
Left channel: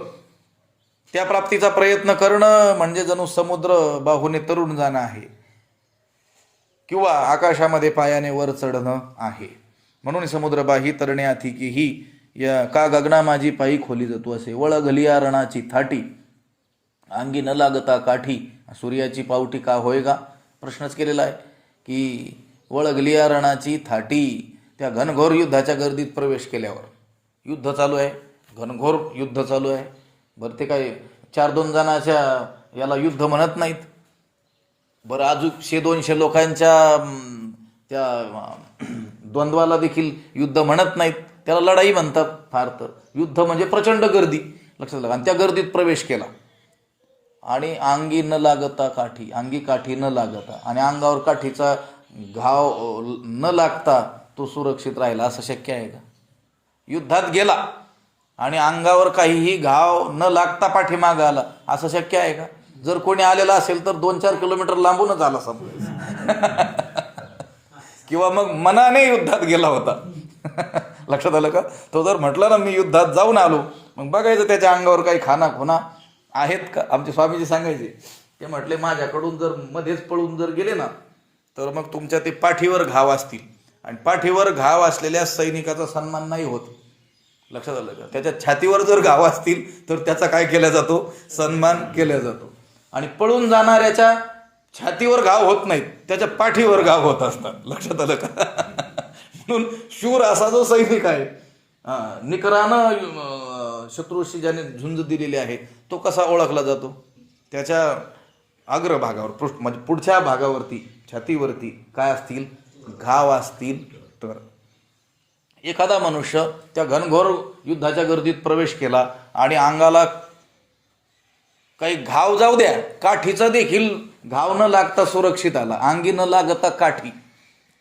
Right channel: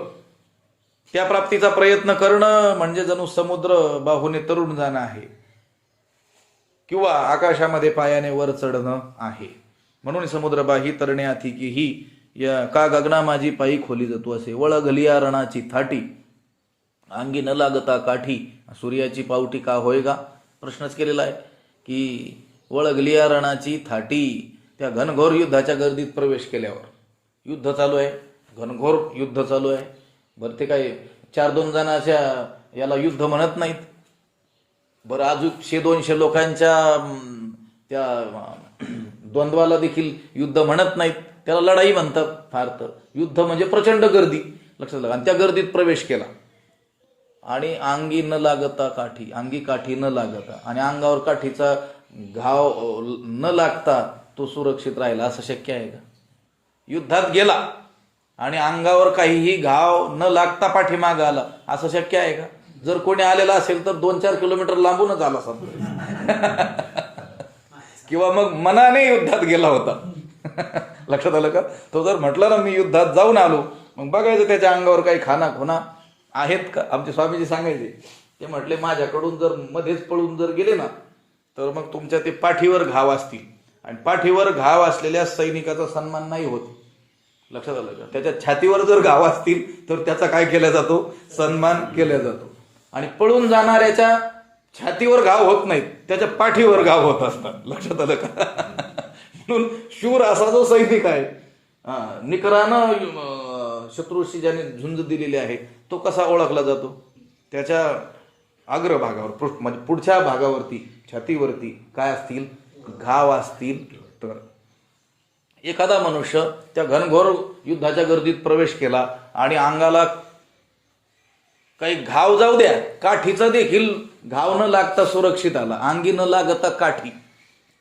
त्या प्राप्तीचा प्रयत्न करणं म्हणजे जणू समुद्र बाहूने तरुण जाणं आहे, किंवा आकाशामध्ये पायाने वर चढणं आहे. म्हणून समुद्रबाही तरणे आथी की ही, या का गगना माझी पायी खोली जातो असे. वळगलिया रणाची थाटी अंगी न लागता काठी, सूर्याची पावटी का होय का? प्रश्नच केलेला आहे की वळगलिया रणाची थाटी, त्या घनघोर युद्धाच्या गर्दीत प्रवेश केल्यावर, युद्ध चालू आहे, घनघोर युद्ध चालू आहे. बरं ते काय 4-2 जणाच्या याला युद्ध म्हणत नाहीत. बरं अजून 100-200 लोकांच्या त्या द्वंद्वाला देखील युद्ध म्हणत नाहीत, त्याला लढाई म्हणतात. फार तर युद्ध म्हणजे प्रचंड गर्दी. लक्षात आलं? आणि त्या गर्दीत प्रवेश केला आणि अंगी न लागता काठी, अंगी काठी न लागता आणि अंगावर काठीचा घाव न लागता तो सुरक्षित राहिला, असं शक्य आहे का? युद्धात गेला आणि अंगावर काहीही घाव न लागता पाठीमागं आला, असं शक्य आहे का? जर कोणी आलेला असेल तर 2-4 किलोमीटर लांबूनच आला समजा. किंवा मग मनाने युद्धात गेला होता. लक्षात आलं का? तो जर म्हटलं ना मी युद्धात जाऊन आलो, मग बघायचं त्याच्या अंगावर काही खाना आहेत का. आमचे स्वामीजी सांगायचे, ते म्हटले माझ्याकडून जर मध्येच पळून जर गेले ना, तर मग तुमच्या ते पाठीवर घाव असतील, आणि पाठीवर घाव असलेल्या सैनिकाचा सन्मान नाही होत. लक्षात आलं का? त्याच्या छातीवर जर घाव असतील तर त्याचा काय केला जातो? सन्मान केला जातो. आणि पळून जाणाऱ्याच्या छातीवर घाव होत नाहीत, त्याच्या पाठीवर घाव होत असतात. लक्षात आलं का? म्हणून शूर असा जो सैनिक आहे, निकरानं शत्रूशी ज्याने झुंज दिलेली आहे, तो कसा ओळखला जातो? त्याच्या अग्रभागावर, म्हणजे पुढच्या भागावरती, छातीवरती काय असतील? घाव असतील. तर एखादा मनुष्य त्या घनघोर युद्धाच्या गर्दीत प्रवेश केला आणि अंगाला काही घाव जाऊ द्या, काठीचा देखील घाव न लागता सुरक्षित आला, अंगी न लागता काठी.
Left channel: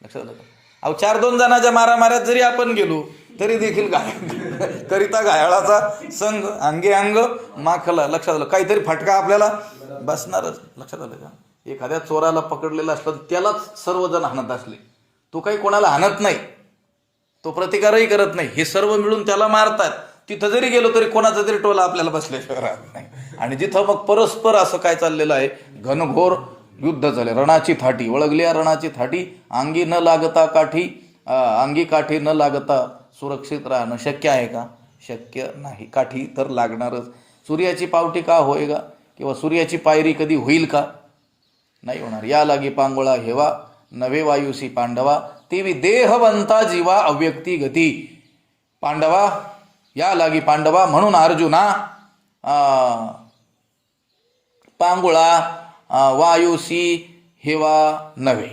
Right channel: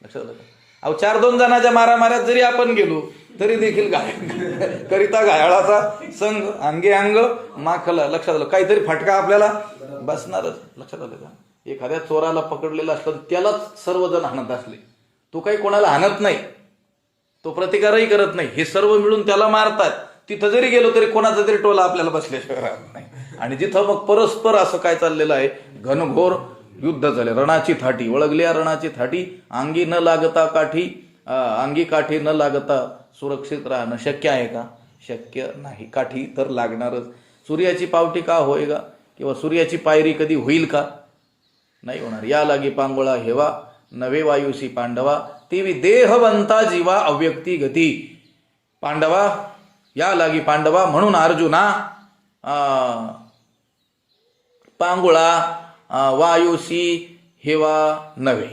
लक्षात आलं का? अहो 4-2 जणांच्या मारामाऱ्यात जरी आपण गेलो तरी देखील करिता घायाळाचा संघ, अंगी अंग माखला. लक्षात आलं? काहीतरी फटका आपल्याला बसणारच. लक्षात आलं का? एखाद्या चोराला पकडलेला असलं त्यालाच सर्वजण हाणत असले तो काही कोणाला हाणत नाही, तो प्रतिकारही करत नाही, हे सर्व मिळून त्याला मारतात. तिथं जरी गेलो तरी कोणाचा तरी टोला आपल्याला बसल्याशिवाय राहत नाही. आणि जिथं मग परस्पर असं काय चाललेलं आहे, घनघोर युद्ध झाले, रणाची थाटी वळगल्या, रणाची थाटी अंगी न लागता काठी, अंगी काठी न लागता सुरक्षित राहणं शक्य आहे का? शक्य नाही. काठी तर लागणारच. सूर्याची पावटी का होय का, किंवा सूर्याची पायरी कधी होईल का? नाही होणार. या लागी पांगोळा हेवा, नवे वायुसी पांडवा, तेवी देहवंता जीवा अव्यक्ती गती. पांडवा, या लागी पांडवा, म्हणून अर्जुना पांगुळा वायुसी हेवा नवे.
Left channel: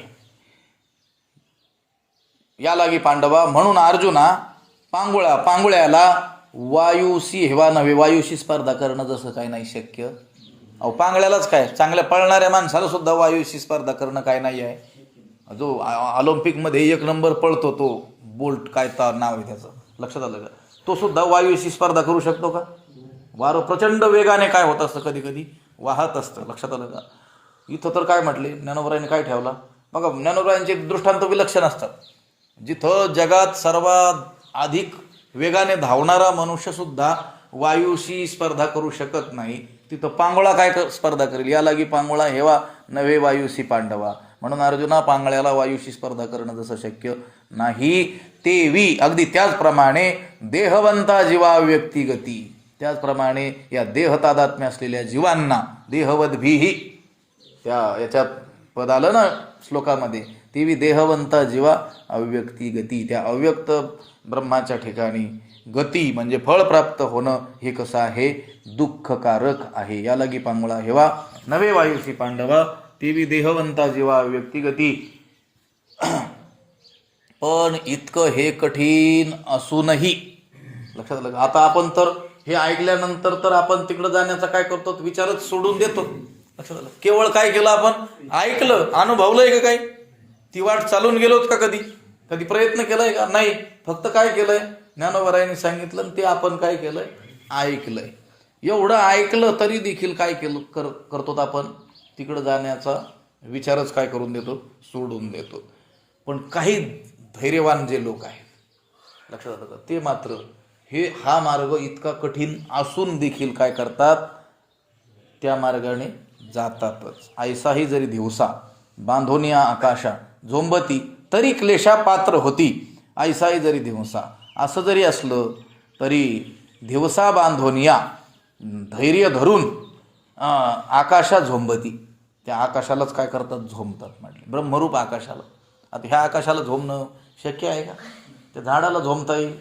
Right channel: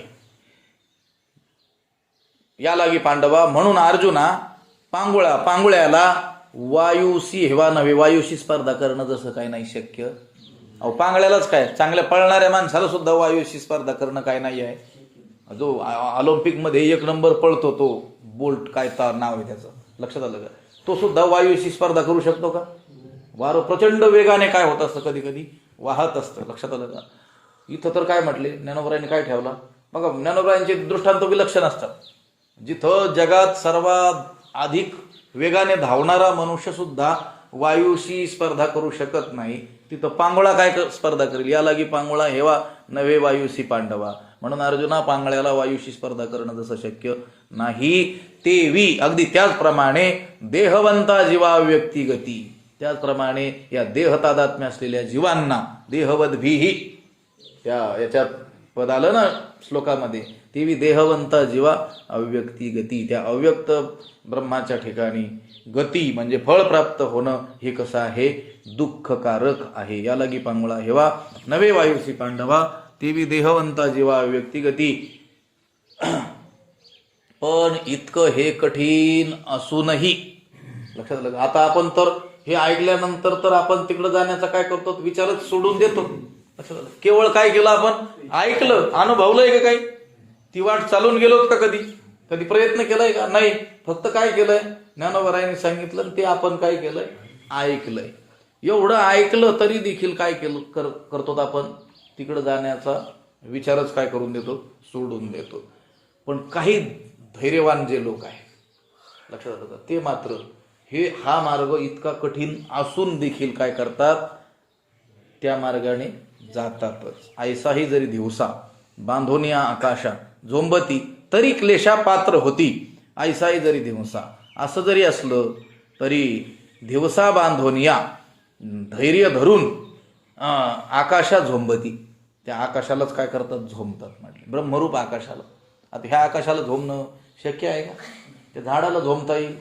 या लागी पांडवा, म्हणून अर्जुना पांगुळा, पांगुळ्याला वायुसी हेवा नव्हे. वायुशी स्पर्धा करणं जसं काय नाही शक्य. अहो पांगळ्यालाच काय, चांगल्या पळणाऱ्या माणसाला सुद्धा वायुशी स्पर्धा करणं काय नाही आहे. जो ऑलिम्पिकमध्ये 1 नंबर पळतो तो बोल्ट, काय नाव आहे त्याचं, लक्षात आलं का? तो सुद्धा वायुशी स्पर्धा करू शकतो का? वारं प्रचंड वेगाने काय होत असतं, कधी कधी वाहत असतं, लक्षात आलं का? इथं तर काय म्हटले, ज्ञानोबरायांनी काय ठेवला बघा. ज्ञानोबरायांचे दृष्टांत विलक्षण असतात. जिथं जगात सर्वात अधिक वेगाने धावणारा मनुष्य सुद्धा वायुशी स्पर्धा करू शकत नाही, तिथं पांगोळा काय स्पर्धा करेल? या लागी पांगोळा हेवा नवे वायुसी पांडवा. म्हणून अर्जुना, पांगळ्याला वायुशी स्पर्धा करणं जसं शक्य नाही, तेवी अगदी त्याचप्रमाणे देहवंता जीवा व्यक्ती गती. त्याचप्रमाणे या देहतादात्म्य असलेल्या जीवांना, देहवद भीही याच्यात पद आलं ना श्लोकामध्ये, तेवी देहवंता जीवा अव्यक्ती गती. त्या अव्यक्त ब्रह्माच्या ठिकाणी गती म्हणजे फळ प्राप्त होणं हे कसं आहे? दुःखकारक आहे. या लागी पांगोळा हेवा नवे वायुसी पांडवा, तेवी देहवंता जीवा अव्यक्ती गती. पण इतकं हे कठीण असूनही, लक्षात आलं. आता आपण तर हे ऐकल्यानंतर तर आपण तिकडे जाण्याचा काय करतो, विचारच सोडून देतो. लक्षात आलं. केवळ काय केलं आपण? ऐकलं, अनुभवलंय का? काय ती वाट चालून गेलोत का? कधी प्रयत्न केलाय का? नाही. फक्त काय केलंय, ज्ञानोबरायांनी सांगितलं ते आपण काय केलंय, ऐकलंय. एवढं ऐकलं तरी देखील काय केलं करतो आपण, तिकडे जाण्याचा विचारच काय करून देतो, सोडून देतो. पण काही धैर्यवान जे लोक आहेत, लक्षात आलं का, ते मात्र हा मार्ग इतका कठीण असून देखील काय करतात, त्या मार्गाने जातातच. ऐसाही जरी दिवसा बांधोनिया आकाशा झोंबती, तरी क्लेशा पात्र होती. ऐसाही जरी दिवसा, असं जरी असलं तरी दिवसा बांधोनिया, धैर्य धरून आकाशा झोंबती. त्या आकाशालाच काय करतात, झोंबतात. म्हणजे ब्रह्मरूप आकाशाला. आता ह्या आकाशाला झोंबणं शक्य आहे का? त्या झाडाला झोंबता येईल,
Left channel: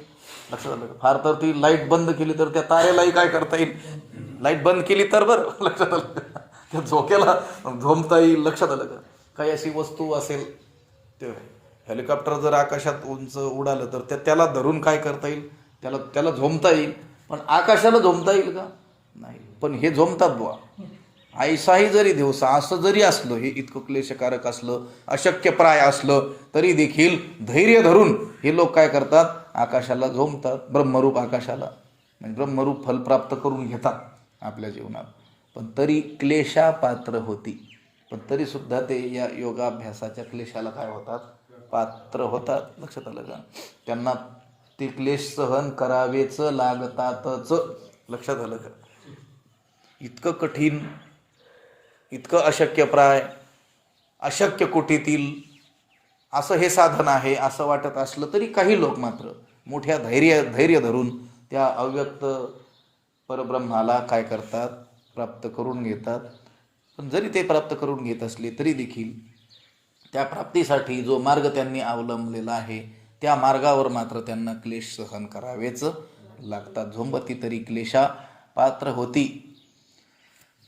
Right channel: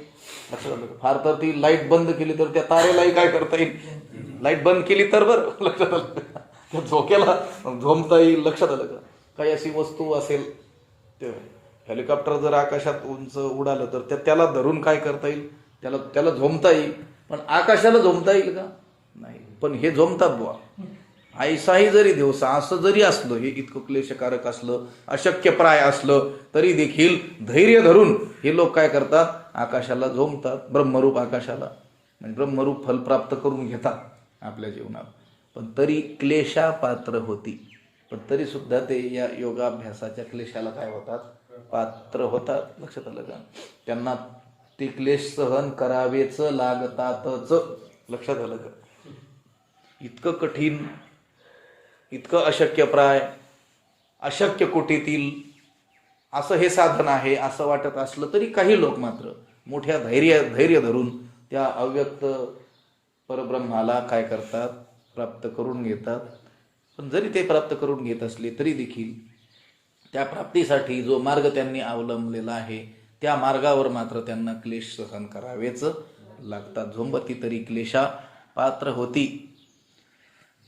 लक्षात आलं का? फार तर ती लाईट बंद केली तर त्या तारेलाही काय करता येईल, लाईट बंद केली तर बरं, लक्षात आलं का? त्या झोक्याला झोंबता येईल, लक्षात आलं का? काही अशी वस्तू असेल, ते हेलिकॉप्टर जर आकाशात उंच उडालं तर त्याला धरून काय करता येईल, त्याला झोंबता येईल. पण आकाशाला झोंबता येईल का? नाही. पण हे झोंबतात बुवा. ऐसाही जरी दिवसा, असं जरी असलं, हे इतकं क्लेशकारक असलं, अशक्यप्राय असलं तरी देखील धैर्य धरून हे लोक काय करतात, आकाशाला झोंबतात. ब्रह्मरूप आकाशाला म्हणजे ब्रह्मरूप फल प्राप्त करून घेतात आपल्या जीवनात. पण तरी क्लेशा पात्र होती. पण तरी सुद्धा ते या योगाभ्यासाच्या क्लेशाला काय होतात, पात्र होतात. लक्षात आलं का? त्यांना ते क्लेश सहन करावेच लागतातच. लक्षात आलं का? इतकं कठीण, इतकं अशक्यप्राय, अशक्य कोटीतील असं हे साधन आहे असं वाटत असलं तरी काही लोक मात्र मोठ्या धैर्य धरून त्या अव्यक्त परब्रह्माला काय करतात, प्राप्त करून घेतात. पण जरी ते प्राप्त करून घेत असले तरी देखील त्या प्राप्तीसाठी जो मार्ग त्यांनी अवलंबलेला आहे त्या मार्गावर मात्र त्यांना क्लेश सहन करावेच लागतात. झोंबती तरी क्लेशा पात्र होती.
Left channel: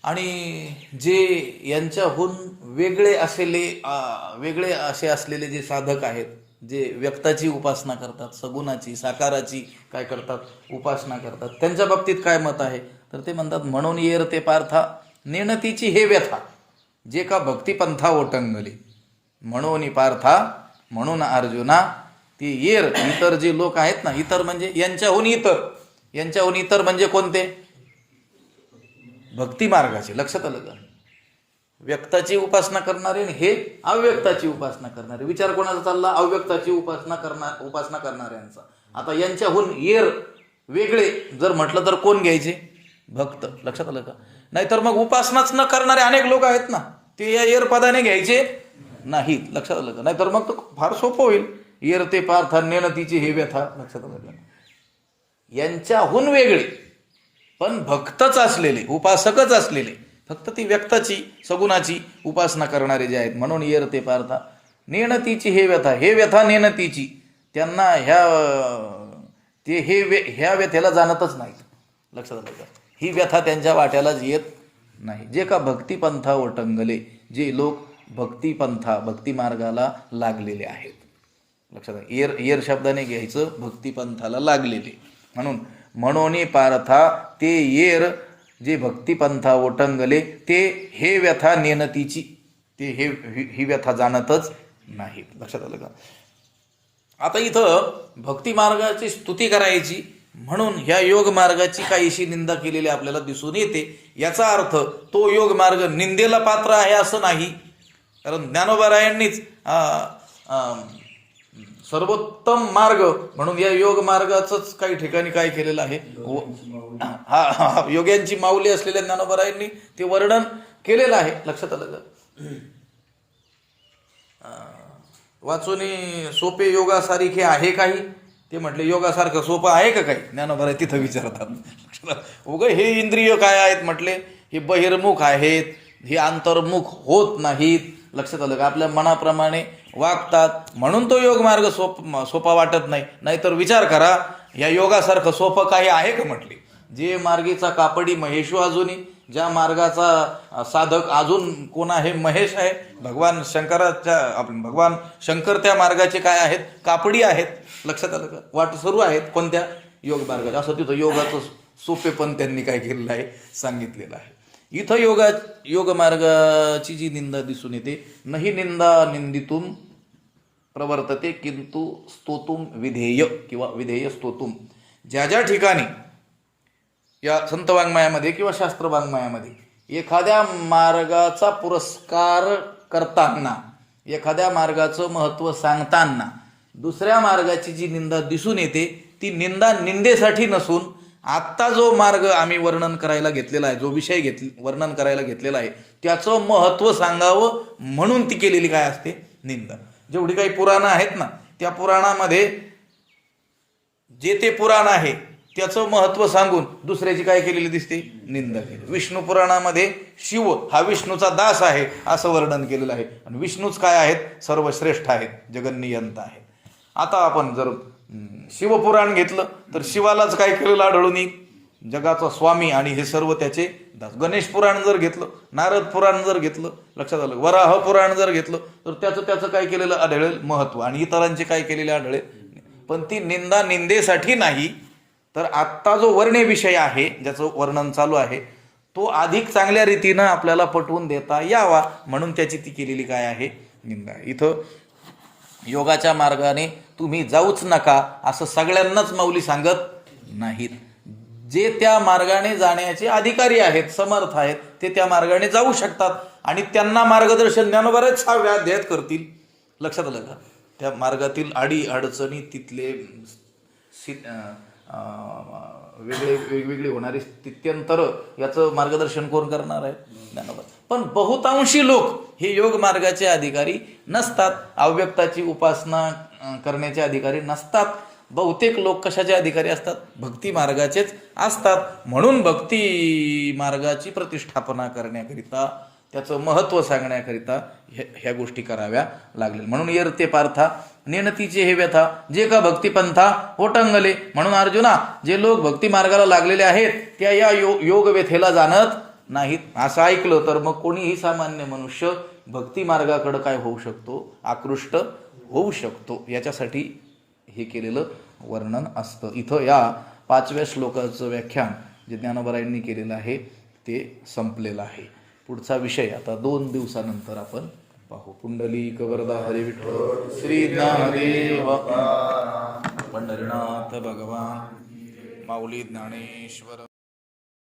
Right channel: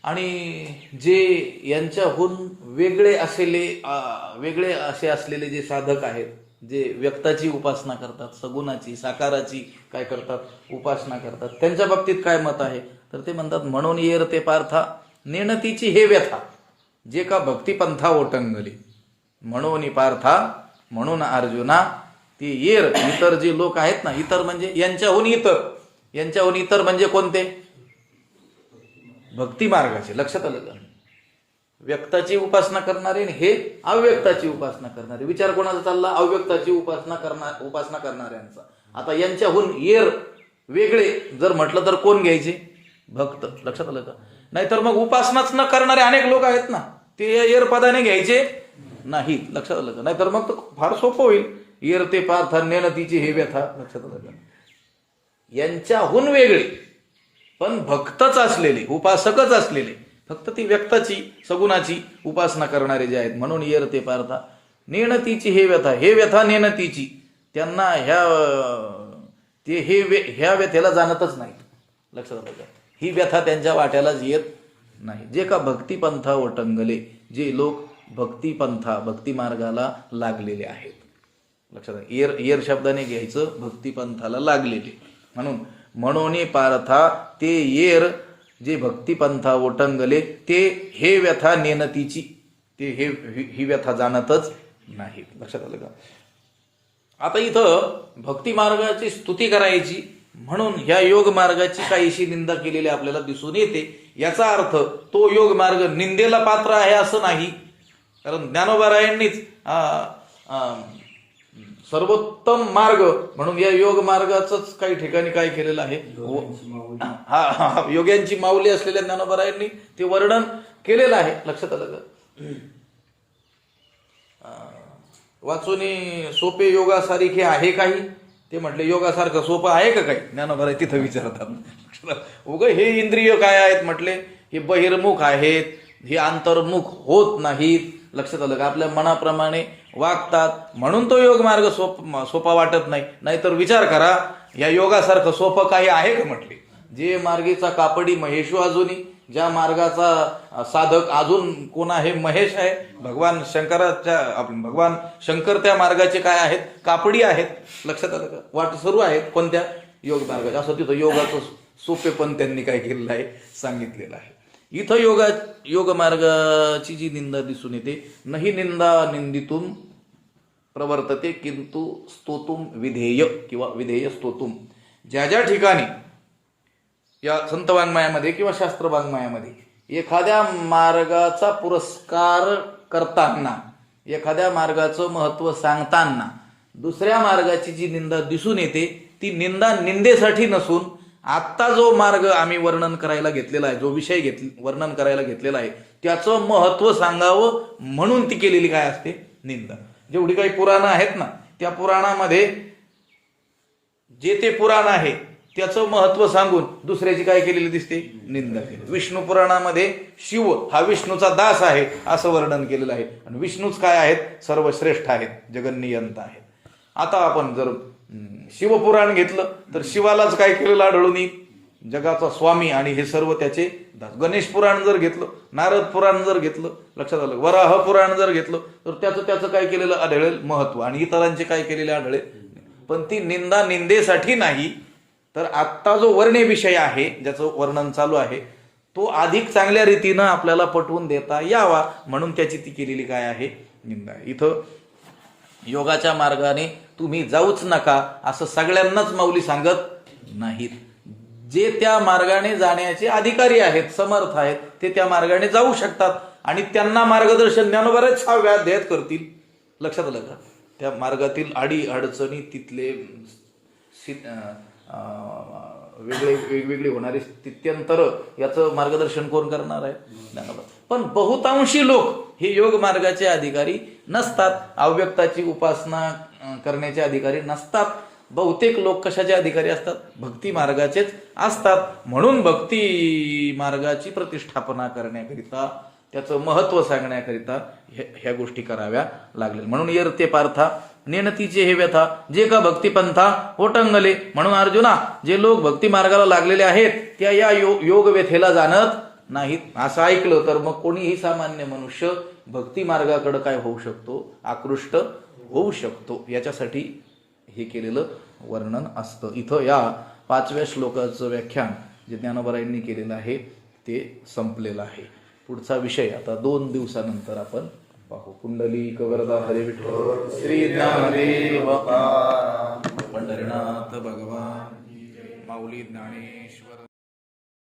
आणि जे यांच्याहून वेगळे असे असलेले जे साधक आहेत, जे व्यक्ताची उपासना करतात, सगुणाची, साकाराची काय करतात, उपासना करतात, त्यांच्या बाबतीत काय मत आहे तर ते म्हणतात, म्हणून येर ते पार्था नेणतीची हे व्यथा, जे का भक्तिपंथा ओटंगली. म्हणून पार्था, म्हणून अर्जुना, ती येर इतर जे लोक आहेत ना, इतर म्हणजे यांच्याहून इतर म्हणजे कोणते, भक्ती मार्गाचे. लक्षात आलं का? व्यक्ताची उपासना करणारे आणि हे अव्यक्ताची उपासना करणारे. विचार कोणाचा चालला? अव्यक्ताची उपासना करणाऱ्यांचा. आता यांच्याहून येर वेगळे जर म्हटलं तर कोण घ्यायचे? भक्त. लक्षात आलं का? नाहीतर मग उपासनाच न करणारे अनेक लोक आहेत ना, ते या येर पदाने घ्यायचे नाहीत. लक्षात आलं का? नाहीतर मग तो फार सोपं होईल. येर ते पार्थ नेणतीची हे व्यथा. लक्षात आलं का? यांच्याहून वेगळे पण भक्तच असलेले, उपासकच असलेले, फक्त ती व्यक्ताची सगुणाची उपासना करणारे जे आहेत. म्हणून येर ते पार्था नेणतीची हे व्यथा, हे व्यथा नेणतीची, त्यांना ह्या व्यथेला जाणतच नाही. लक्षात आलं का? ही व्यथा त्यांच्या वाट्यालाच येत नाही. जे का भक्तिपंथा ओटंगले, जे लोक भक्ती मार्गाला लागलेले आहेत. लक्षात आलं? येर शब्दाने घ्यायचं भक्तिपंथाला लागलेले. म्हणून पार्था ते येर जे भक्तिपंथा ओटंगले, ते हे व्यथा नेणतीची, ते ही व्यथा जाणतच नाही. लक्षात आलं का? आता इथं भक्ती मार्गाची स्तुती करायची म्हणून ह्या योग मार्गाची काहीशी निंदा केलेली आपल्याला दिसून येते. याचा अर्थ तो योग मार्ग निंदेला पात्र आहे असं नाही. कारण ज्ञानोबारायांनीच सर्वोत्तम मार्ग म्हणून या योग मार्गाचंच काही ठिकाणी काय केलेलं आहे, योग्यांची माऊली असलेल्या ज्ञानोबारायांनी ते वर्णन केलेलं आहे. लक्षात आलं का? वाचून सोपे योगासारखे आहे काही? ते म्हटले योगासारखं सोपं आहे का काही? ज्ञानोबा तिथं विचारतात. उगा हे इंद्रिय काय आहेत म्हटले, हे बहिर्मुख आहेत, हे अंतर्मुख होत नाहीत. लक्षात आलं का? आपल्या मनाप्रमाणे वागतात म्हणून तो योग मार्ग सोपा वाटत नाही. नाहीतर विचार करा, या योगासारखं सोपं काही आहे का म्हटले? जे मार्गीचा कापडी महेशू अजूनही, ज्या मार्गाचा साधक अजून कोण आहे? महेश आहे. भगवान शंकर त्या मार्गाचे काय आहेत? कापडी आहेत. लक्षात आलं का? वाटसरू आहेत कोणत्या? योग मार्गाचे. असं तिथं योगाचं सोपेपण त्यांनी काय केलेलं आहे? सांगितलेलं आहे. इथं योग मार्गाची जी निंदा दिसून येते, नही निंदा निंदितुम प्रवर्तते किंतु स्तोतुम विधेय किंवा विधेय स्तोतुम. ज्या ज्या ठिकाणी या संत वाङ्मयामध्ये किंवा शास्त्र वाङ्मयामध्ये एखाद्या मार्गाचा पुरस्कार करताना, एखाद्या मार्गाचं महत्त्व सांगताना दुसऱ्या मार्गाची जी निंदा दिसून येते, ती निंदा निंदेसाठी नसून आत्ता जो मार्ग आम्ही वर्णन करायला घेतलेला आहे, जो विषय वर्णन करायला घेतलेला आहे, त्याचं महत्त्व सांगावं म्हणून ती केलेली काय असते? निंदा. जेवढी काही पुराणं आहेत ना, त्या पुराणामध्ये जे ते पुराण आहे त्याचं महत्त्व सांगून दुसऱ्याची काय केलेली दिसते? निंदा केली. विष्णू पुराणामध्ये शिव हा विष्णूचा दास आहे असं वर्णन केलेलं आहे. आणि विष्णूच काय आहेत? सर्वश्रेष्ठ आहेत, जगन्नियंता आहेत. आता आपण जर शिवपुराण घेतलं तर शिवालाच काय केलेलं आढळून येईल? जगाचा स्वामी आणि हे सर्व त्याचे दास. गणेश पुराण जर घेतलं, नारद पुराण जर घेतलं, लक्षात आलं, वराह पुराण जर घेतलं तर त्याचं काय केलेलं आढळेल? महत्त्व. आणि इतरांचे काय केलेले आढळेल? पण ती निंदा निंदेसाठी नाही, तर आत्ता जो वर्णे विषय आहे, ज्याचं वर्णन चालू आहे, तो अधिक चांगल्या रीतीनं आपल्याला पटवून देता यावा म्हणून त्याची ती केलेली काय आहे? निंदा. इथं योगाच्या मार्गाने तुम्ही जाऊच नका असं सगळ्यांनाच माऊली सांगत नाहीत. जे त्या मार्गाने जाण्याचे अधिकारी आहेत, समर्थ आहेत, ते त्या मार्गाने जाऊ शकतात आणि त्यांना मार्गदर्शन ज्ञानोबाच अध्यायात करतील. लक्षात आलं का? त्या मार्गातील अडचणी, तिथले वेगवेगळी होणारी स्थित्यंतर याचं मार्गदर्शन कोण करणार आहे? ज्ञानोबा. पण बहुतांशी लोक हे योग मार्गाचे अधिकारी नसतात, अव्यक्ताची उपासना करण्याचे अधिकारी नसतात. बहुतेक लोक कशाचे अधिकारी असतात? भक्ती मार्गाचेच असतात. म्हणून भक्ती मार्गाची प्रतिष्ठापना करण्याकरिता, त्याचं महत्त्व सांगण्याकरिता ह्या गोष्टी कराव्या लागल्या. म्हणून येर ते पार्था नेणतीचे हे व्यथा, जे का भक्तिपंथा ओटंगले. म्हणून अर्जुना, जे लोक भक्ती मार्गाला लागलेले आहेत त्या या योग व्यथेला जाणत नाहीत. असं ऐकलं तर मग कोणीही सामान्य मनुष्य भक्ती मार्गाकडे काय होऊ शकतो? आकृष्ट होऊ शकतो. याच्यासाठी हे केलेलं वर्णन असतं. इथं या 5व्या श्लोकाचं व्याख्यान जे ज्ञानोबारायांनी केलेलं आहे ते संपलेलं आहे. पुढचा विषय आता 2 दिवसानंतर आपण पाहू. पुंडलिक वरदा हरी विठ्ठल श्री ज्ञानदेव पंढरीनाथ भगवान माऊली ज्ञानेश्वर.